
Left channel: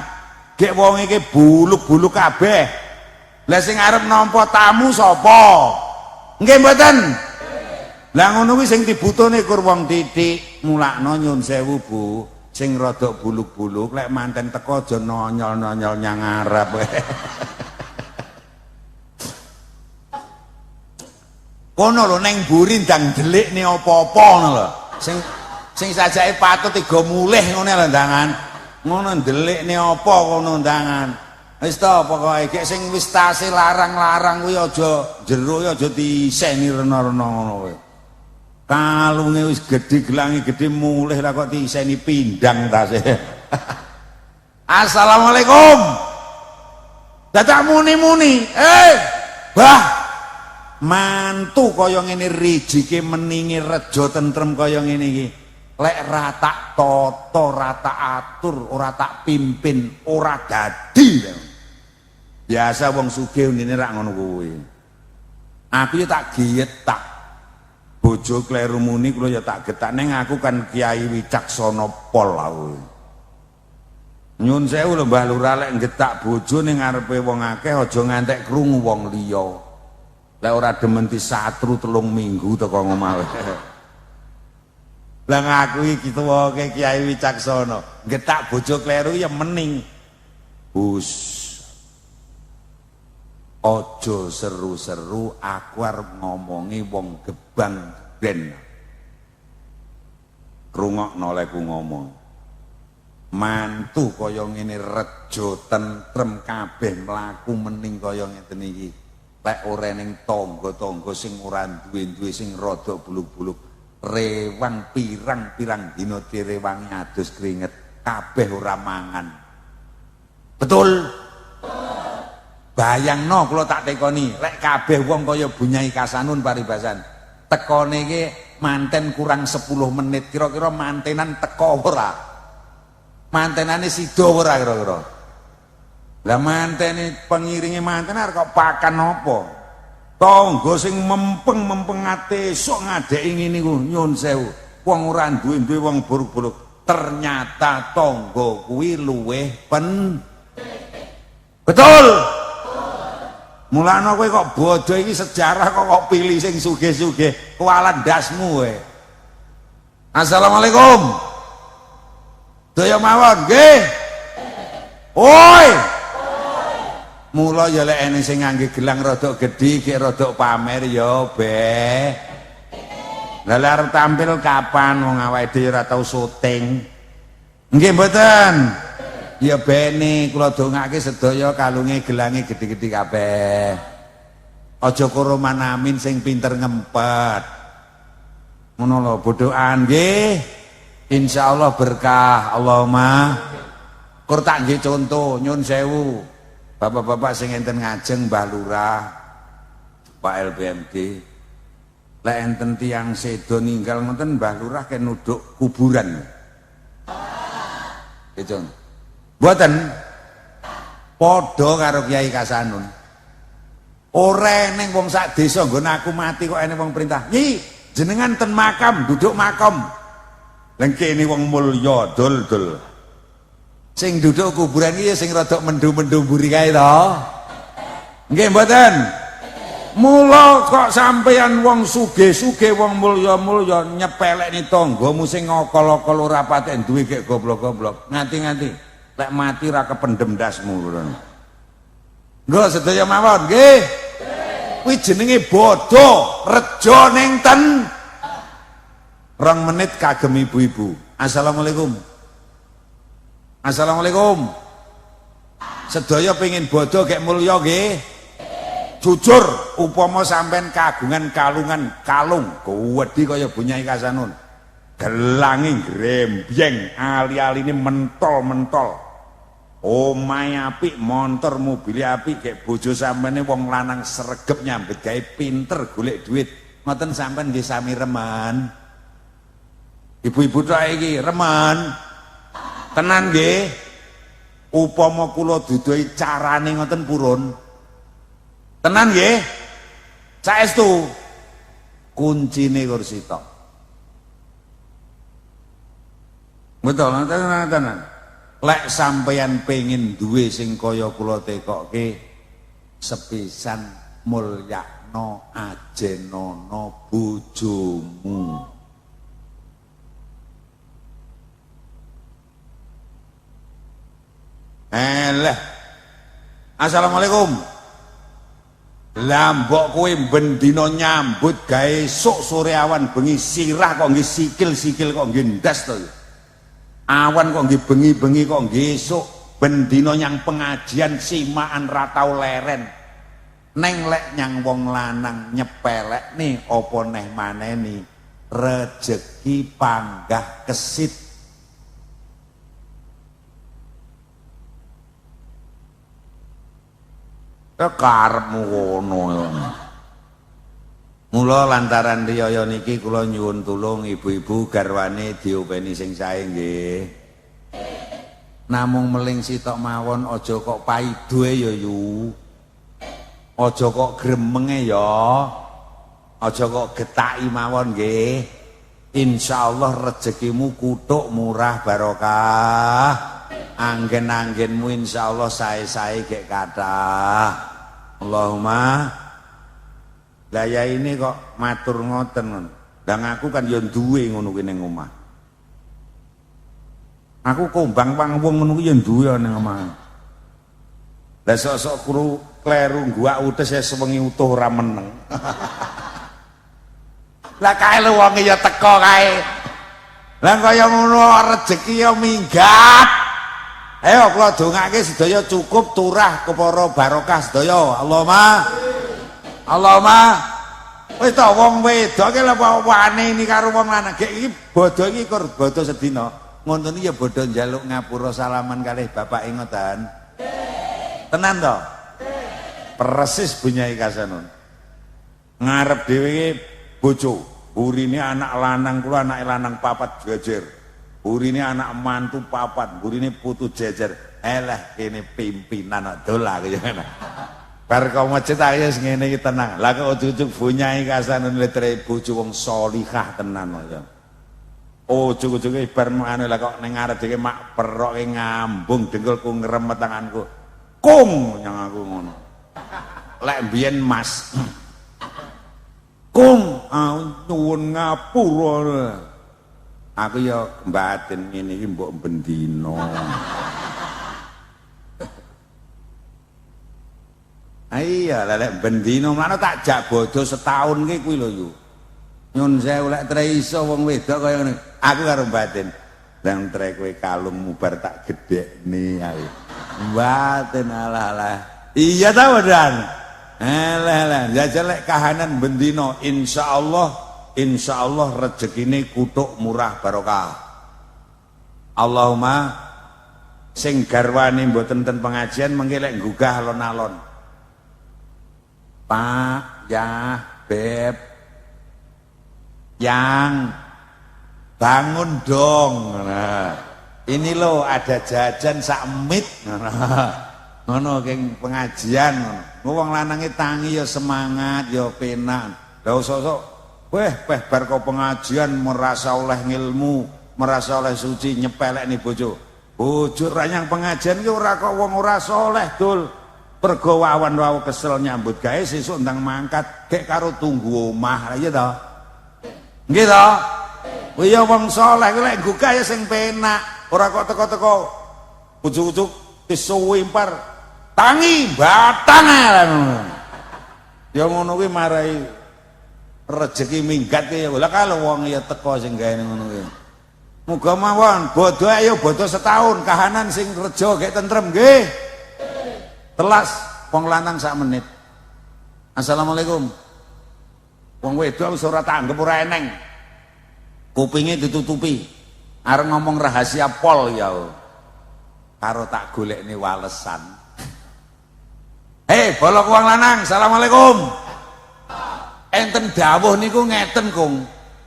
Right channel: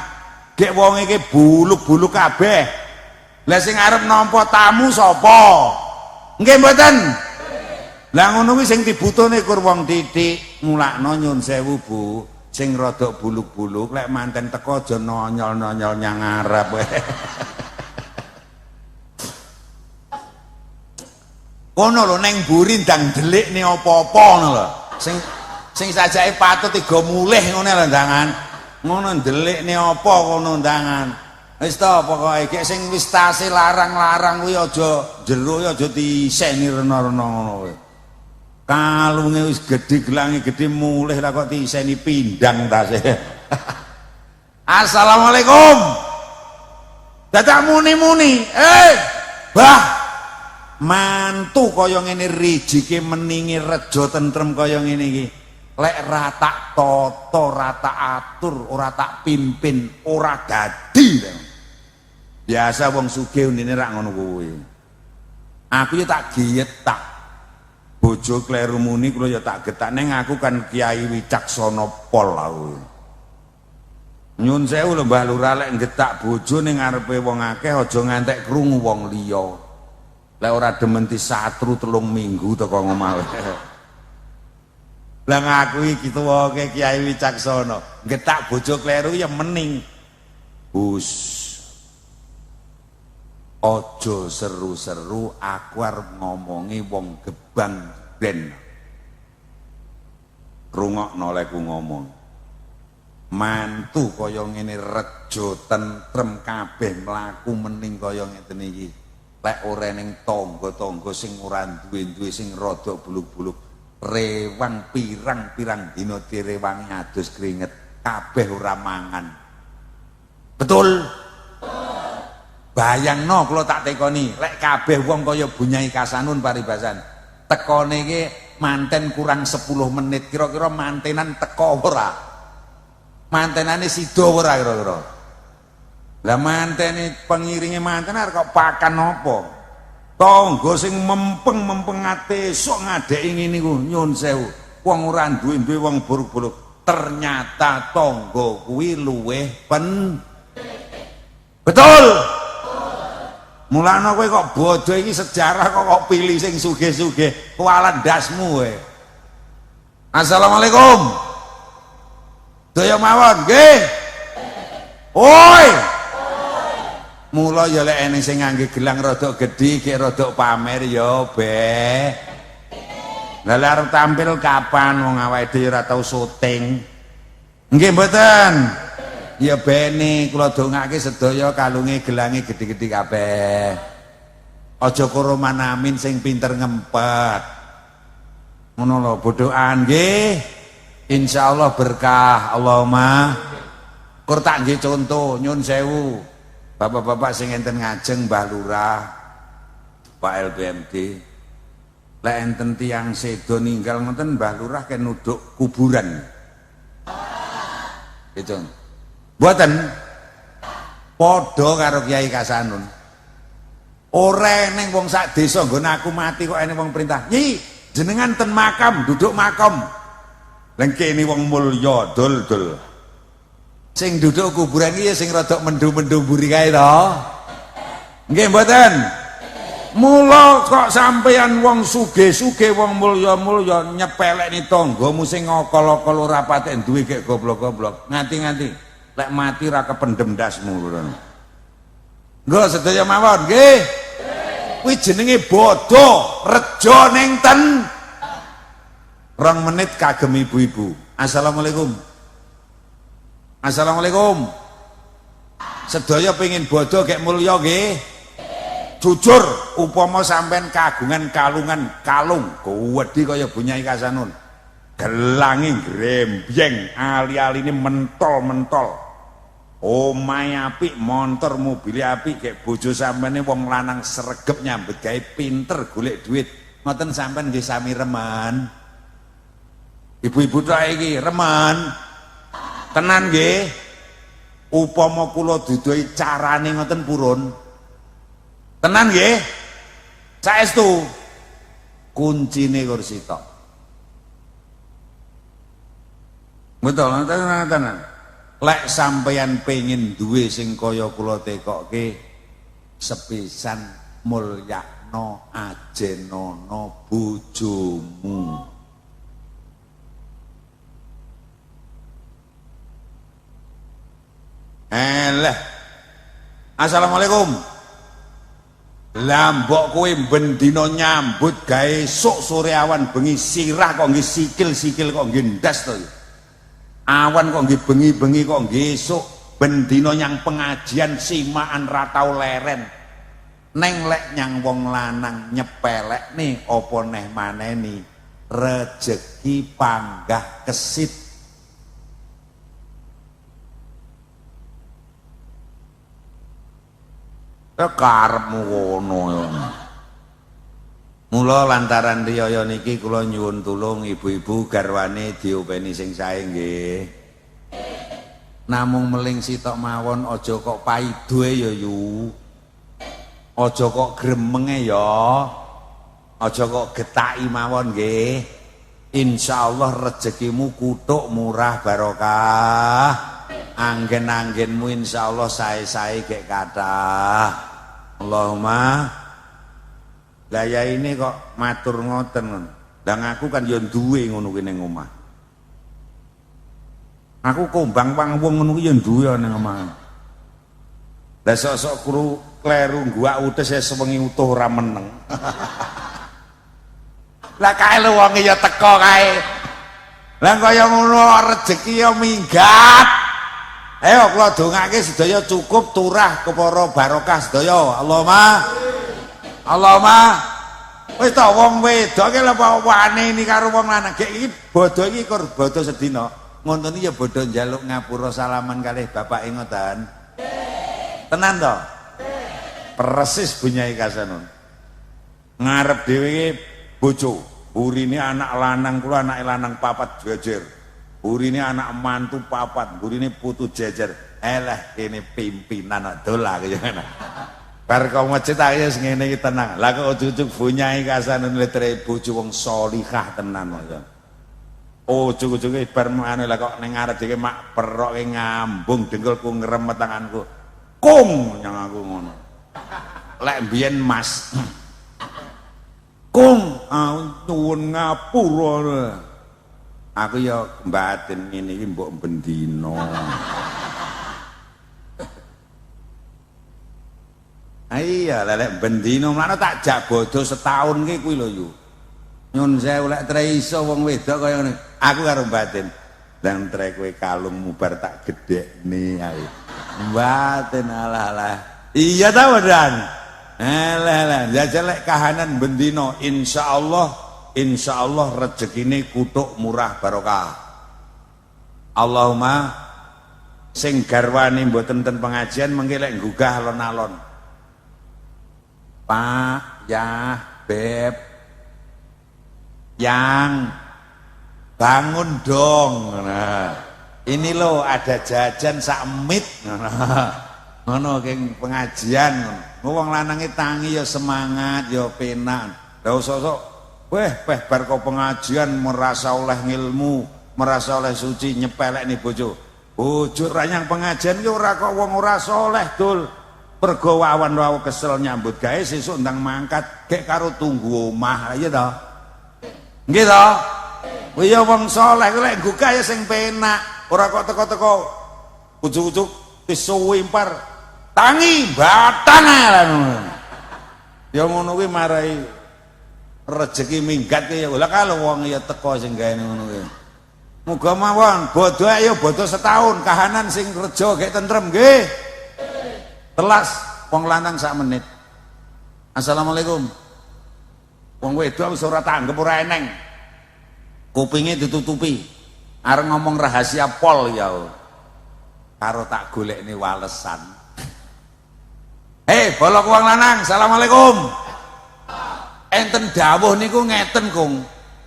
Gek wong iki buluk-buluk kabeh. Lah sing arep nampa tamu sapa? Nggih mboten? Lah ngono kuwi sing dibutuhne kur wong titik mulakno nyun sewu Bu. Sing rada buluk-buluk lek manten teko aja nonyol-nonyol nyang ngarep. Ono lho ning mburi ndang delikne apa-apa ngono lho. Sing sajake patut digo mulih ngene lho ndangan. Ngono delikne apa ngono ndangan. Wis ta pokoke gek sing wis tase larang-larang kuwi aja jeruk aja diseni rena-rena ngono kowe. Kalunge wis gedhe gelange gedhe mulih lah kok diseni pindang tase. Assalamualaikum. Dadak muni-muni. Bah mantu kaya ngene rijike meningi rejo tentrem kaya ngene iki lek ra tak tata ra tak atur ora tak pimpin ora dadi biasa wong sugih unine ra ngono kuwi aku tak getak bojo kleru muni kula ya tak getak ning aku kan Kiai Wicaksana Pol aku nyun sewu lho Mbah Lurah lek getak bojo ning ngarepe wong akeh aja ngantek krungu wong liya. Lah ora demen disatru 3 minggu teko ngomah. Lah ngaku iki tuwake Kiai Wicaksana, getak bojo kleru ya mening. Gus. Aja seru-seru aku arep ngomongi wong gebang ben. Rungokno lek ku ngomong. Mantu kaya ngene rejo tentrem kabeh mlaku mening kaya ngeten iki. lek ora ning tangga-tangga sing ora duwe-duwe sing rada buluk-buluk rewang pirang-pirang dina kirewang adus keringet kabeh ora mangan. Betul? Bayangno kula tak tekoni, lek kabeh wong kaya Bunyai Kasanun paribasan. Tekone iki manten kurang 10 menit, kira-kira mantenan teko ora? Mantenane sida ora kira-kira? Lah mantene pengiringe manten arep kok pakan apa? Tangga sing mempeng-mempeng ate sok ngadeki ngene niku nyun sewu. Wong ora duwe-duwe wong buruk-buruk. Ternyata tangga kuwi luweh betul. Mulane kowe kok bodoh iki sejarah kok pilih sing sugih-sugih, kualat dasmu kowe. Assalamualaikum. Daya mawon nggih. Oi. Mula ya lek ene sing ngangge gelang rada gedhi, ki rada pamer ya, Be. Lah lek arep tampil kapan wong awake dhewe ora tau syuting. Nggih mboten. Ya beni kula dongake sedaya kalunge gelange gedhi-gedhi kabeh. Aja karo manamin sing pinter ngempet. Ngono lho bodohan nggih. Insyaallah berkah Allahumma. Kur tak nggih contoh nyun sewu. Bapak-bapak sing enten ngajeng Mbah Lurah, Pak LPMD. Lek enten tiyang sedo ninggal ngoten Mbah Lurah kene nuduk kuburan. Itu. Mboten padha karo Kiai Kasanun. Ora ning wong sak desa nggon aku mati kok ene wong perintah. Nyi, jenengan ten makam, duduk makam. Lah kene wong mulya dol-dol. Sing duduk kuburan iki sing rada mendu-mendu mburi kae to. Nggih mboten? Mula kok sampeyan wong sugih-sugih wong mulya-mulya nyepelekni tanggamu sing okol-okol ora patek duwe gek goblok-goblok. Ngati-ngati. Lek mati ra kependem dasmu lho. Lho sedaya mawon nggih. Kuwi jenenge bodho, rejo ning ten. 2 menit kagem ibu-ibu. Assalamualaikum. Assalamualaikum. Sedaya pengin bodho gek mulya nggih. Jujur upama sampean kagungan kalung gedhi kaya Bunyai Kasanun. Gelange grembyeng, ali-aline mentol-mentol. Omahe apik, montor mobil apik, gek bojo sampeyan wong lanang sregep nyambet gawe pinter golek duit. Ngoten sampeyan nggih sami reman. Ibu-ibu tok iki reman. Tenan nggih. Upama kula dudohi carane ngoten purun. Tenan nggih. Saestu kuncine kursi tok. Betul, ngoten. Lek sampeyan pengen duwe sing kaya kula tekokke sepisan mulyakno ajenana bojomu. Assalamualaikum. Lah mbok kowe bendina nyambut gawe sok sore awan bengi sirah kok nggih sikil-sikil kok nggih ndas to. Awan kok nggih bengi-bengi kok nggih esuk bendina nyang pengajian simaan ra tau leren. Neng lek nyang wong lanang nyepelekne apa neh maneni rejeki panggah kesit. Karepmu ngono ya. Mula lantaran riyaya niki kula nyuwun tulung ibu-ibu garwane diopeni sing sae nggih. Namung meling sitok mawon aja kok paidoe ya yu. Aja kok gremenge ya. Aja kok getaki mawon nggih. Insyaallah rezekimu kuthuk murah barokah. Anggen-anggenmu insyaallah sae-sae gek kathah. Allahumma. Lah ya ini kok matur ngoten. Lah aku kan yo duwe ngono kuwi ning omah. Aku kombang wong ngono kuwi yo duwe ning omah. Lah sok-sok kru kleru gua utus ya sewengi utuh ora meneng. Lah kae lho wong ya teko kae. Lah kaya ngono rezeki yo minggat. Ayo kula dongake sedaya cukup turah kepara barokah sedaya. Allahumma Allahumma wis to wong wedok ki lha wani ini karo wong lanang iki bodho iki kur bodho sedina ngono iki ya bodho njaluk ngapura salaman kalih bapak ingetan tenan to persis Bunyai Kasanul ngarep dhewe bojo burine anak lanang kula anak lanang papat jejer burine anak mantu papat burine putu jejer eleh kene pimpinan dolar ya bar kok masjid ayo ngene iki tenang lah kok ujug Bunyai Kasanul letre bojo wong salihah tenan ya ujug-ujuge bar mangane lah kok ning ngarep dhewe mak peroke ngambung dengkulku ngeremet tanganku kum nyang aku ngono lek mbiyen Mas kum tuwun ngapura aku ya mbaten ngene iki mbok bendina iya lek bendina mana tak jak bodho setahun ki kuwi lho yo nyun sewu lek tre iso wong wedok kaya ngene aku karo mbaten nang tre kowe kalung mubar tak gedhekne ae mbaten alah iya ta wedan alah jajal lek kahanan bendina insyaallah rezekine kutuk murah barokah Allahumma sing garwani mboten ten pengajian mengki lek nggugah alon-alon Pak, ya, Beb, yang bangun dong. Nah, ini loh ada jajan sakmit. Ngono keng pengajian. Wong lanange tangi ya semangat ya penak. Lah sosok, weh bar kok pengajian merasa oleh ilmu, merasa oleh suci nyepelek nih bojo. Bojo ra nyang pengajian ki ora kok wong ora saleh, Dul. Pergo wawan wawu kesel nyambut gawe sesuk ndang mangkat gek karo tunggu omah ya to. Nggih to? Kuwi wong saleh lek gugah ya sing penak, ora kok teko-teko ujug-ujug disuwi impar tangi batang ngono. Ya ngono kuwi marai rezeki minggat ya. Lah kalau wong ya teko sing gawe ngono kuwi. Muga mawon bodho ayo bodho setahun kahanan sing reja gek tentrem nggih. Telas wong lanang sak menit. Assalamualaikum. Wong wedok wis ora tanggep ora eneng. Kupinge ditutupi. Arep ngomong rahasia pol ya. Karo tak golekne walesan. Hei, bolok wong lanang, assalamualaikum. Enten dawuh niku ngeten, Kung.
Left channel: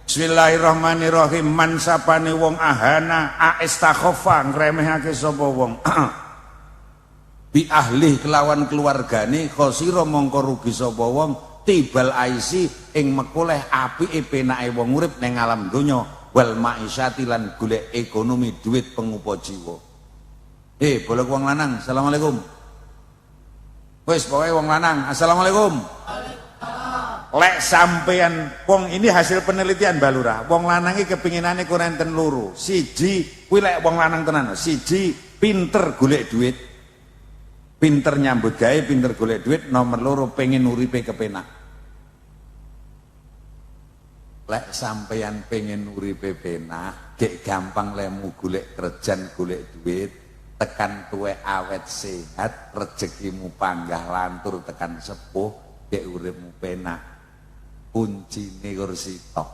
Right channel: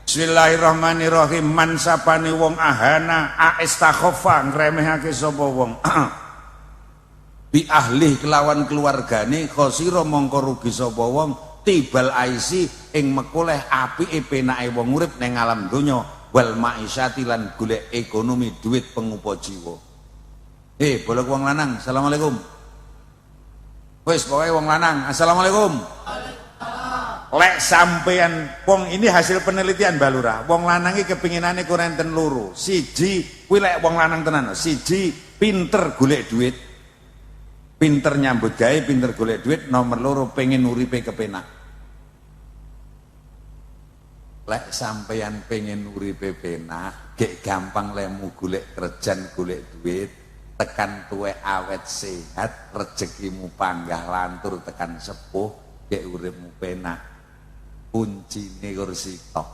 Bismillahirrahmanirrahim. Man sapane wong ahana aistakhofa ngremehake sapa wong. Bi ahli kelawan keluargane khosira mongko rugi sapa wong tibal aisi ing mekoleh apike penake wong urip ning alam donya wal maisyati lan golek ekonomi duit pengupa jiwa. Boleh wong lanang assalamualaikum. Wis pokoke wong lanang assalamualaikum. Lek sampean wong ini hasil penelitian Balura wong lanang iki kepinginane kurenten loro. Siji kuwi lek wong lanang tenan, siji pinter golek duit. Pinter nyambut gawe, pinter golek duit, nomor loro pengen uripe kepenak. Lek sampeyan pengen uripe penak, gek gampang lemu golek kerjan, golek duit, tekan tuwe awet sehat, rezekimu panggah lantur tekan sepuh, gek uripmu penak. Kuncine kursi tok.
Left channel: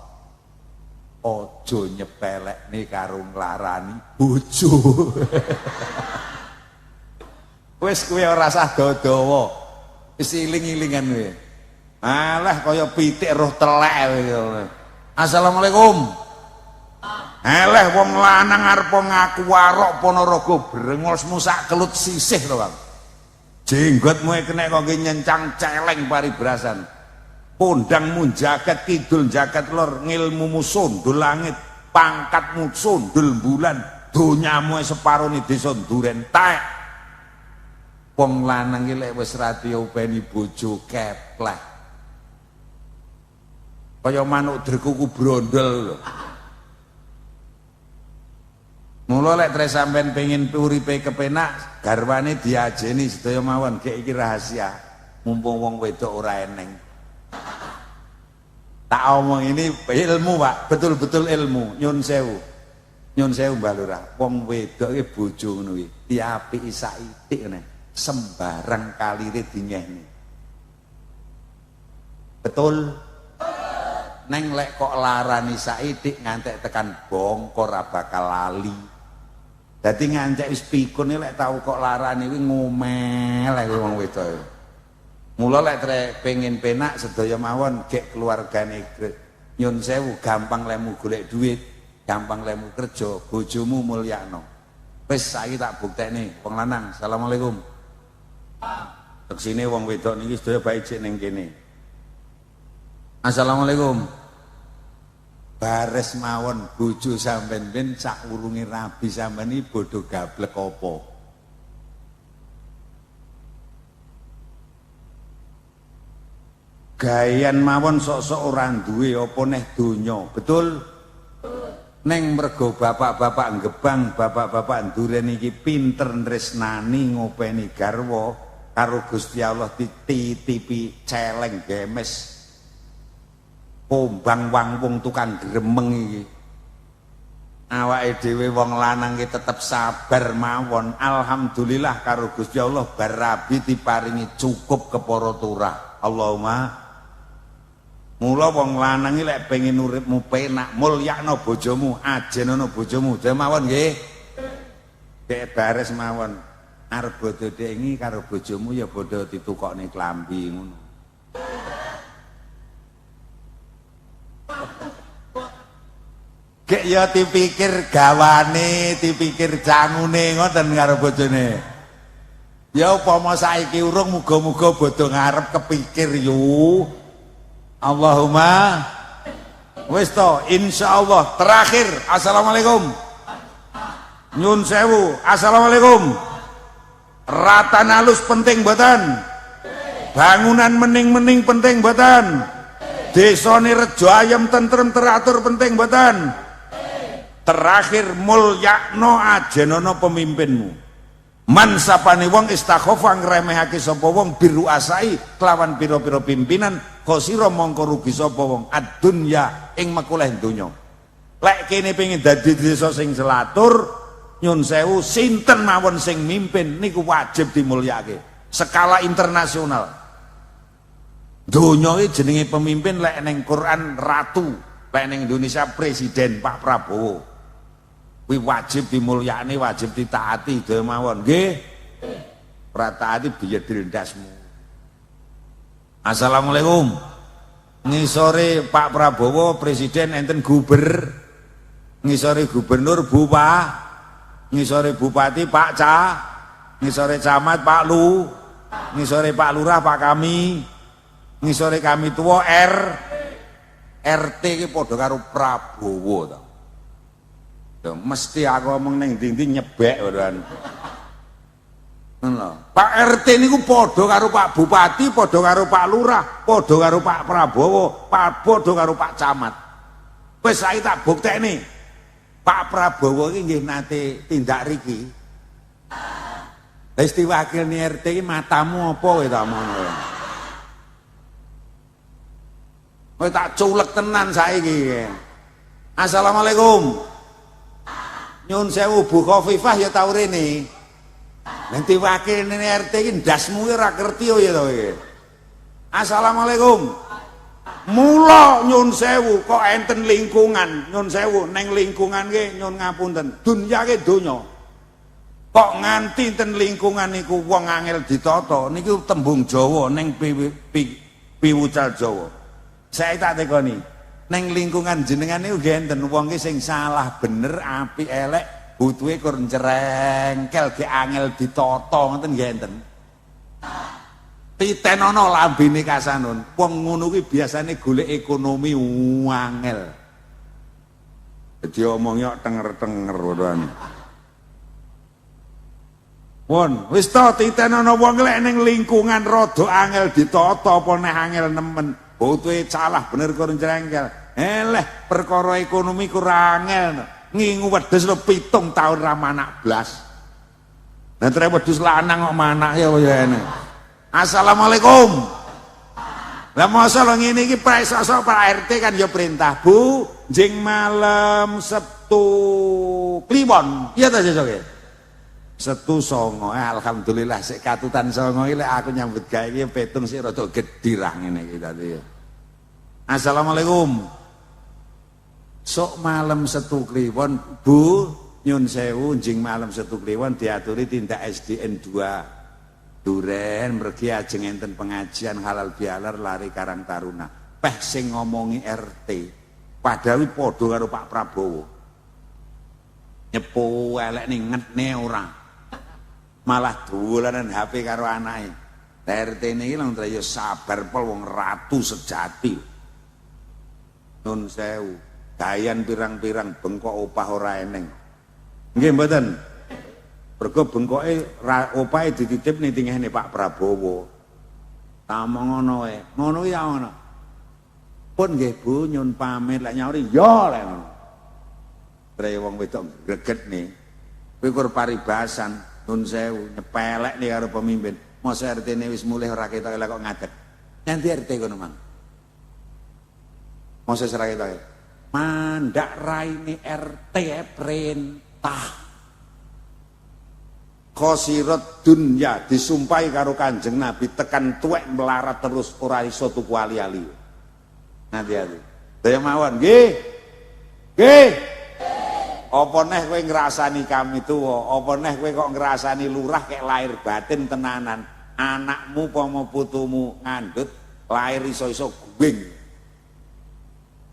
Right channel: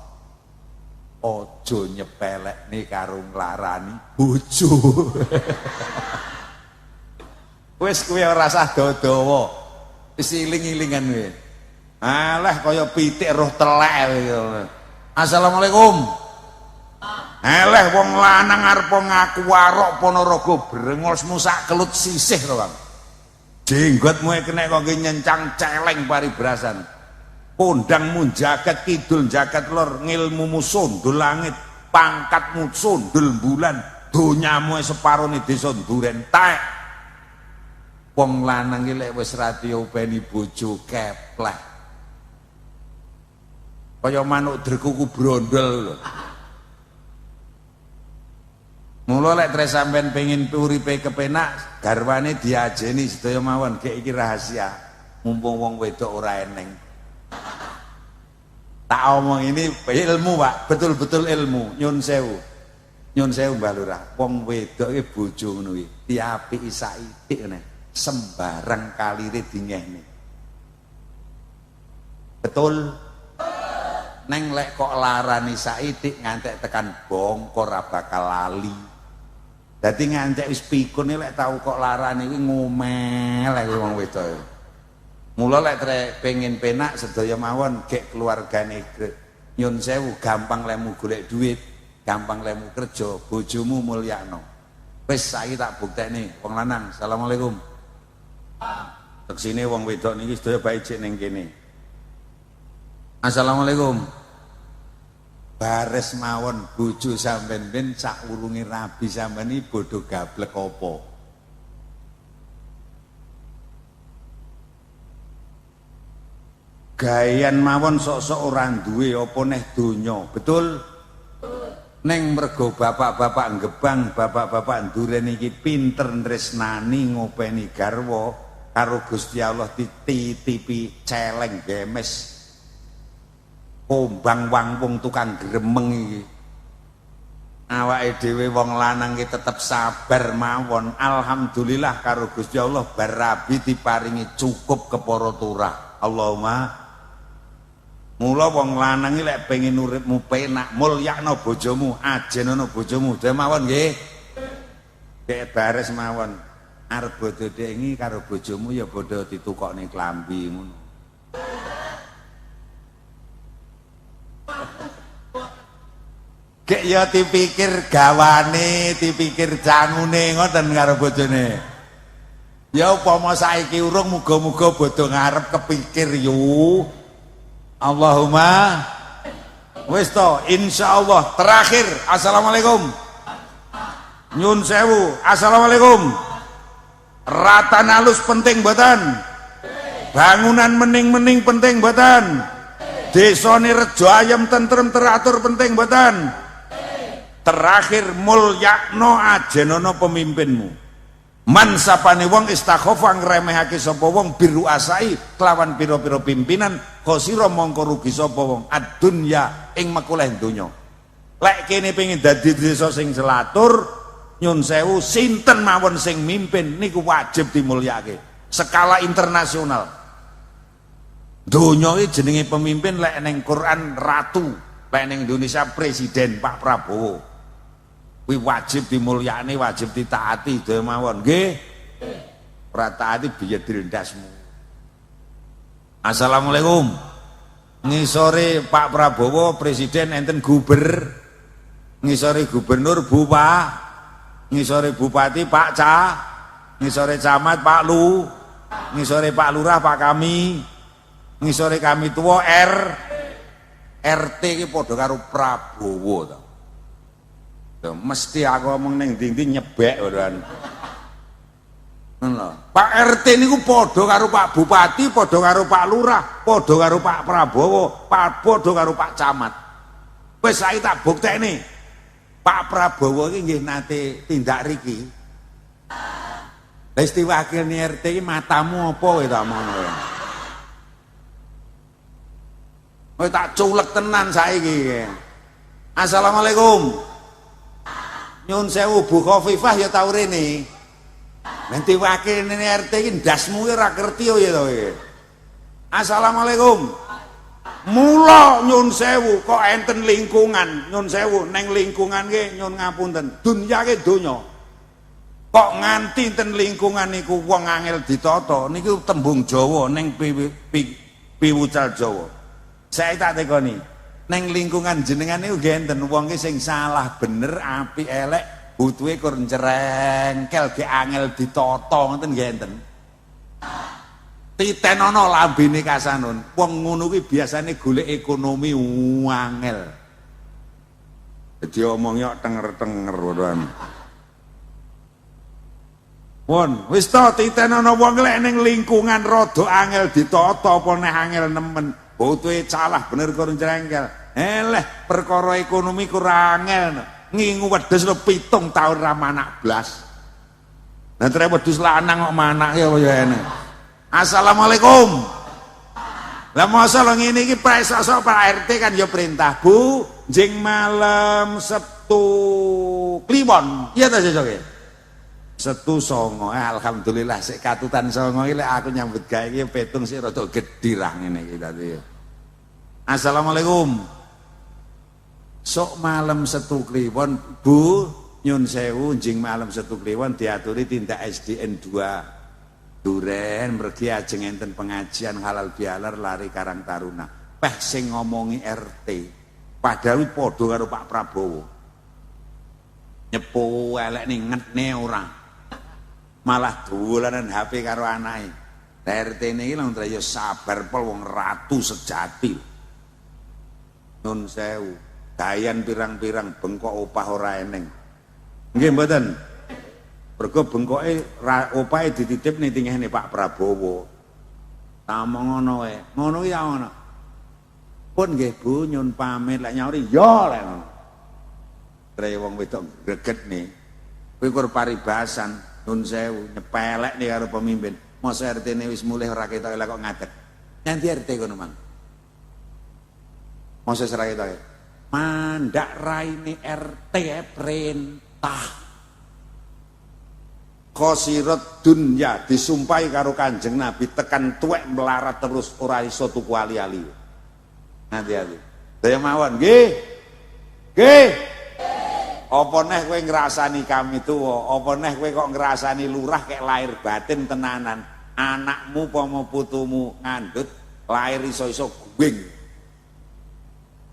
Ojo nyepelekne karo nglarani bojo. Wis kowe ora usah dawa. Wis iling-ilingan kowe. Alah kaya pitik roh telek. Assalamualaikum. Alah wong lanang arep ngaku warok Ponorogo brengosmu sak kelut sisih to, Bang. Jenggotmu kena kok nyencang celeng paribrasan. Pondangmu jagat kidul jagat lor, ngilmumu sundul langit, pangkatmu sundul bulan, donyamu separone desa duren tek. Wong lanang iki lek wis radio beni bojo keplek. Kaya manuk drekuku brondol lho. Mula lek tre sampean pengin uripe kepenak, garwane diajeni sedaya mawon gek iki rahasia. Mumpung wong wedok ora eneng. Tak omong ini ilmu, Pak, betul-betul ilmu. Nyun sewu. Nyun sewu Mbah Lurah. Wong wedok iki bojo ngono iki, diapiki saithik ngene. Sembarang kalire dinyehne. Betul. Neng lek kok larani saitik ngantek tekan bongkor ora bakal lali. Dadi ngantek wis pikun lek tau kok larani kuwi ngomel lek wong wedok. Mula lek pengen penak sedaya mawon gek keluargane nyun sewu gampang lemu golek duit, gampang lemu kerja, bojomu mulyakno. Wis saiki tak bukteni wong lanang. Assalamualaikum. Teksine wong wedok niki sedaya bae cek ning kene. Assalamualaikum. Bares mawon bojo sampean ben sak wulunge rabi sampean iki bodho gablek apa? Gayan mawon sok-sok ora duwe apa neh donya, betul? Neng mergo bapak-bapak gebang, bapak-bapak ndurene iki pinter tresnani ngopeni garwa karo Gusti Allah dititipi celeng gemes. Pombang wangpung tukang gremeng iki. Awake dhewe wong lanang iki tetep sabar mawon. Alhamdulillah karo Gusti Allah bar rabi diparingi cukup kepara turah. Allahumma. Mula wong lanang iki lek pengen uripmu penak, mulyakno bojomu, ajenono bojomu. Dhe mawon nggih. Kek bares mawon. Arep bodho dengi karo bojomu ya bodho ditukokne klambi ngono. Kek ya dipikir gawane, dipikir jamune ngoten karo bojone. Ya upama saiki urung muga-muga bodho ngarep kepikir yo. Allahumma wis to insyaallah terakhir. Assalamualaikum. Nyun sewu. Assalamualaikum. Ratan halus penting mboten? Bangunan mening-mening penting mboten? Desane rejo ayam tentrem teratur penting mboten? Terakhir mulyakno ajenono pemimpinmu. Man sapane wong istakhofa ngremehake sapa wong biru asai kelawan pira-pira pimpinan khosira mongko rugi sapa wong ad-dunya ing mekuleh donya. Lek kene pengin dadi desa sing selatur nyun sewu sinten mawon sing mimpin niku wajib dimulyake skala internasional. Donya iki jenenge pemimpin lek ning Quran ratu, lek ning Indonesia presiden Pak Prabowo. Kuwi wajib dimulyani, wajib ditaati dhewe mawon nggih. Ora taati biye direndasmu. Assalamualaikum. Ngisore Pak Prabowo presiden enten guber. Ngisore gubernur Bupati, ngisore bupati Pak Ca, ngisore camat Pak Lu, ngisore Pak Lurah Pak Kami, ngisore kami tua RT iki padha karo Prabowo to. Mesti aku ngomong ning ndi-ndi nyebek ngono. Ngono. Pak RT niku padha karo Pak Bupati, padha karo Pak Lurah, padha karo Pak Prabowo, padha karo Pak Camat. Wis saiki tak bukteni. Pak Prabowo iki nggih nate tindak riki. Lah istiwakilne RT iki matamu apa kowe ta ngono. Kowe tak culek tenan saiki. Assalamualaikum. Nyun sewu Bu Khofifah ya tau rene. Nanti wakil ini RT ini ndasmu ora ngerti ya to iki. Assalamualaikum. Mula nyun sewu kok enten lingkungan, nyun sewu neng lingkungan ki nyun ngapunten. Dunya ki donya. Kok nganti enten lingkungan niku wong angel ditata niku tembung Jawa ning piwucal Jawa. Saya tak tekoni. Neng lingkungan jenengan niku nggih enten wong ki sing salah bener apik elek butuhe kur njrengkel ge angel ditata ngoten nggih enten. Titenono lambene kasanon. Wong ngono kuwi biasane golek ekonomi angel. Dadi omongnya tenger-tenger ora. Pun wis to titenono wong lek ning lingkungan rada angel ditata apa neh angel nemen. Butuhe salah bener kur njrengkel. Eleh perkara ekonomi kurang angel. Ngingu wedhus lho 7 tahun ra manak blas. Lah trek wedhus lanang kok manak ya ene. Assalamualaikum. Lah masalah ngene iki presasa Pak RT kan ya perintah, Bu, jeng malam Sabtu Kliwon. Iya ta sesuk e? Setu songo, alhamdulillah sik katutan songo iki lek aku nyambut gawe iki petung sik rada gedhi rah ngene iki tadi. Assalamualaikum. Sok malam Setu Kliwon, Bu, nyun sewu jing malam Setu Kliwon diaturi tindak SDN 2 Duren mergi ajeng enten pengajian halal bihalal lari Karang Taruna. Peh sing ngomongi RT. Padahal padha karo Pak Prabowo. Nyepu elek ning ngetne ora. Malah dolanan HP karo anake. RT niki lho ya sabar pol wong ratu sejati. Nun sewu, dayan pirang-pirang bengkok opah ora eneng. Nggih mboten. Mergo bengkoke opahe dititipne tingene Pak Prabowo. Tamong ngono wae. Ngono ya ngono. Pun nggih Bu nyun pamit lek nyauri ya lek ngono. Tre wong wedok gregetne. Kowe kur paribasan nun sewu nyepelek nih karo pemimpin. Masa RT ini wis mulih ora ketok kok ngaget. Nanti RT kono man. Masa serai ketok. Mandak raine RT perintah. Khosirat dunya disumpahi karo Kanjeng Nabi tekan tuwek melarat terus ora iso tuku ali-ali. Nanti. Daya mawon nggih. Nggih. Apa neh kowe ngrasani kami tuwa, apa neh kowe kok ngrasani lurah kek lahir batin tenanan. Anakmu pomo putumu ngandut lahir iso-iso guwing.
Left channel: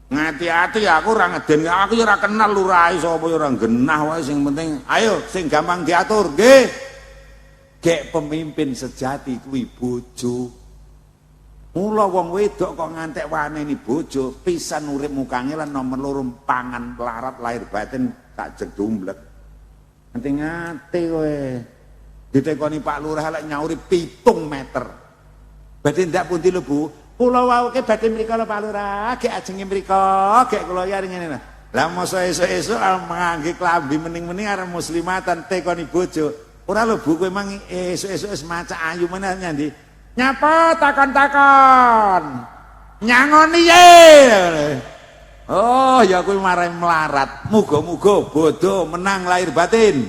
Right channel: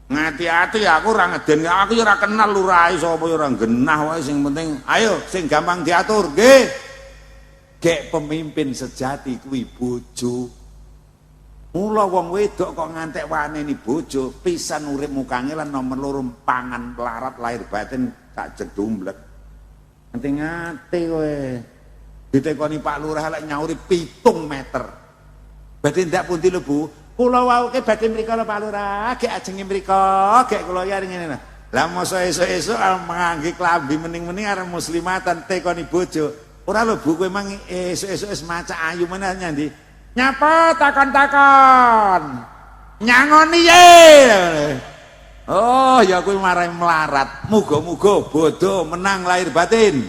Ngati-ati aku ora ngeden, aku ora kenal lurah sapa ora genah wae sing penting ayo sing gampang diatur nggih. Gek pemimpin sejati kuwi bojo. Mula wong wedok kok ngantek waneni bojo, pisan urip mukane lan nomor loro pangan larat lahir batin tak jedumblek. Nanti ngate kowe. Ditekoni Pak Lurah lek nyauri 7 meter. Berarti ndak pundi lho Bu. Kula wauke badhe mriko lho Pak Lurah, gek ajeng mriko, gek kula ya ngene lho. Lah mosok esuk-esuk ngangge klambi mening-mening arep muslimatan tekoni bojo. Ora lho Bu kowe mang esuk-esuk wis maca ayu meneh nyandi. Nyapa takon-takon. Nyangoni ye. Oh, ya kuwi marai melarat. Muga-muga bodo menang lahir batin.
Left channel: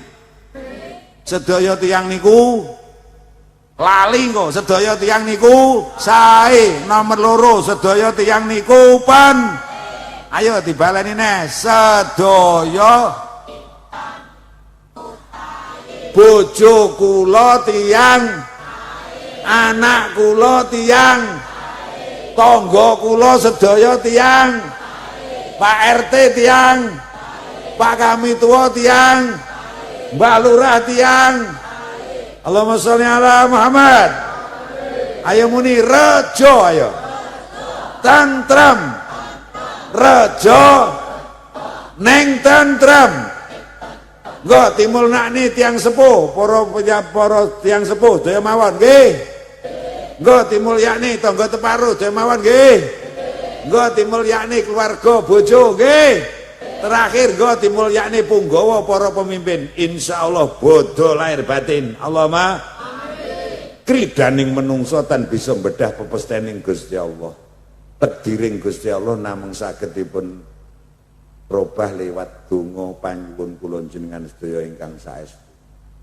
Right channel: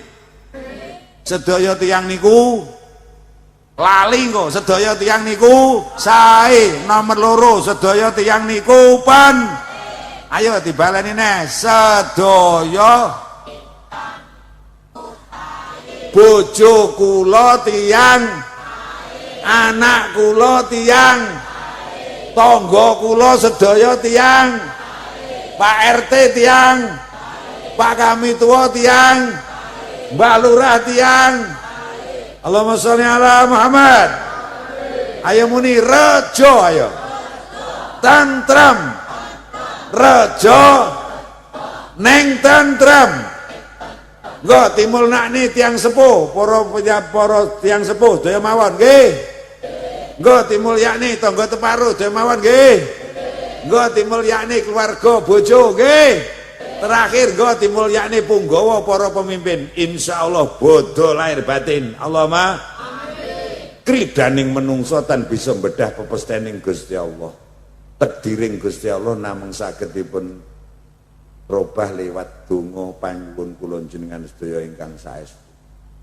Sedaya tiyang niku lali kok, sedaya tiyang niku sae. Nomor loro sedaya tiyang niku pun. Ayo dibaleni neh. Sedaya bojo kula tiyang anak kula tiyang tangga kula sedaya tiyang Pak RT tiyang Pak Kami Tua tiyang Mbak Lurah tiyang Allahumma sholli ala Muhammad. Ayo muni rejo ayo tantram rejo neng tantram. Enggak timul nakni tiang sepuh para tiang sepuh daya mawon nggih. Nggo dimulyani tangga teparuh demawan nggih. Nggo dimulyani keluarga bojo nggih. Terakhir nggo dimulyani punggawa para pemimpin. Insyaallah bodho lahir batin. Allahumma amin. Kridaning menungso tan bisa mbedah pepestening Gusti Allah. Tekdiring Gusti Allah namung saged dipun robah lewat donga panyuwun kula jenengan sedaya ingkang saestu.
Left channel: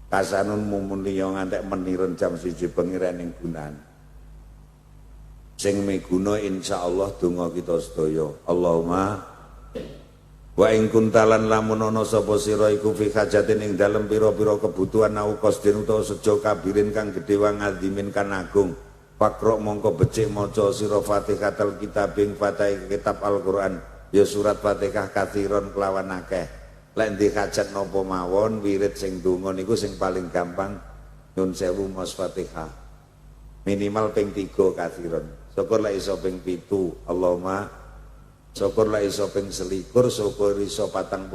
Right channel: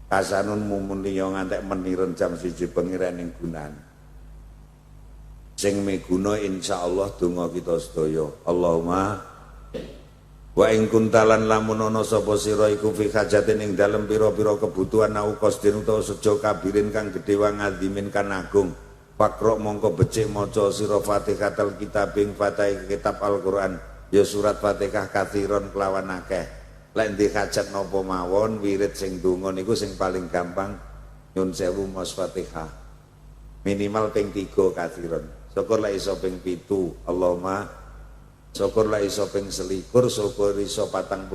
Kasanun mumuniya ngantek meniren jam 1 bengi rening gunan. Sing miguna insyaallah donga kita sedaya. Allahumma wa ing kuntalan lamun ana sapa sira iku fi hajatin ing dalem pira-pira kebutuhan au qasdin utawa sejo kabirin kang gedhe wangandimin kan agung. Fakro mongko becik maca sira Fatihatul kitab ing Fatihah kitab Al-Qur'an ya surat Fatihah kathiron kelawan akeh. Lek ndek hajat napa mawon wirid sing donga niku sing paling gampang nyun sewu maos Fatihah. Minimal ping 3 kathiron. Syukur lah iso ping 7 Allahumma. Syukur lah iso ping 21, syukur iso 49,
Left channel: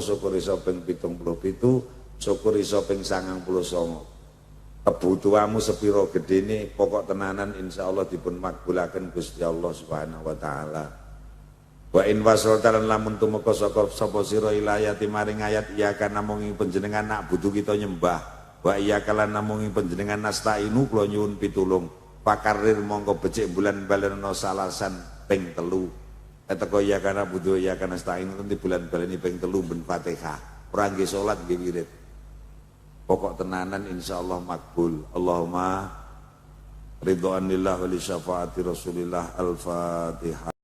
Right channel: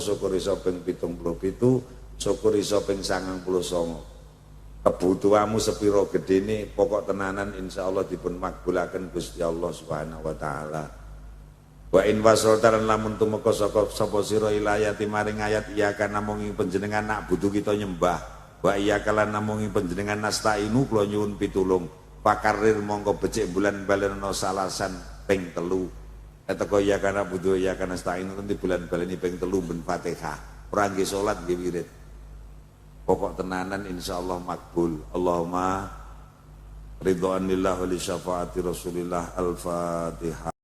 syukur iso ping 77, syukur iso ping 99. Kebutuhanmu sepiro gedene pokok tenanan insyaallah dipun makbulaken Gusti Allah Subhanahu wa taala. Wa in wasaltan lamun tumeka sapa sira ilayati maring ayat iya kana namung panjenengan nak butuh kita nyembah. Wa iya kala namung panjenengan nastainu kula nyuwun pitulung. Pakarir mongko becik bulan balena salasan ping 3. Eteko ya kana butuh ya kana stain nanti bulan baleni ping 3 ben Fatihah. Ora nggih salat nggih wirid. Pokok tenanan insyaallah makbul. Allahumma ridwanillah wa li syafaati Rasulillah al-Fatihah.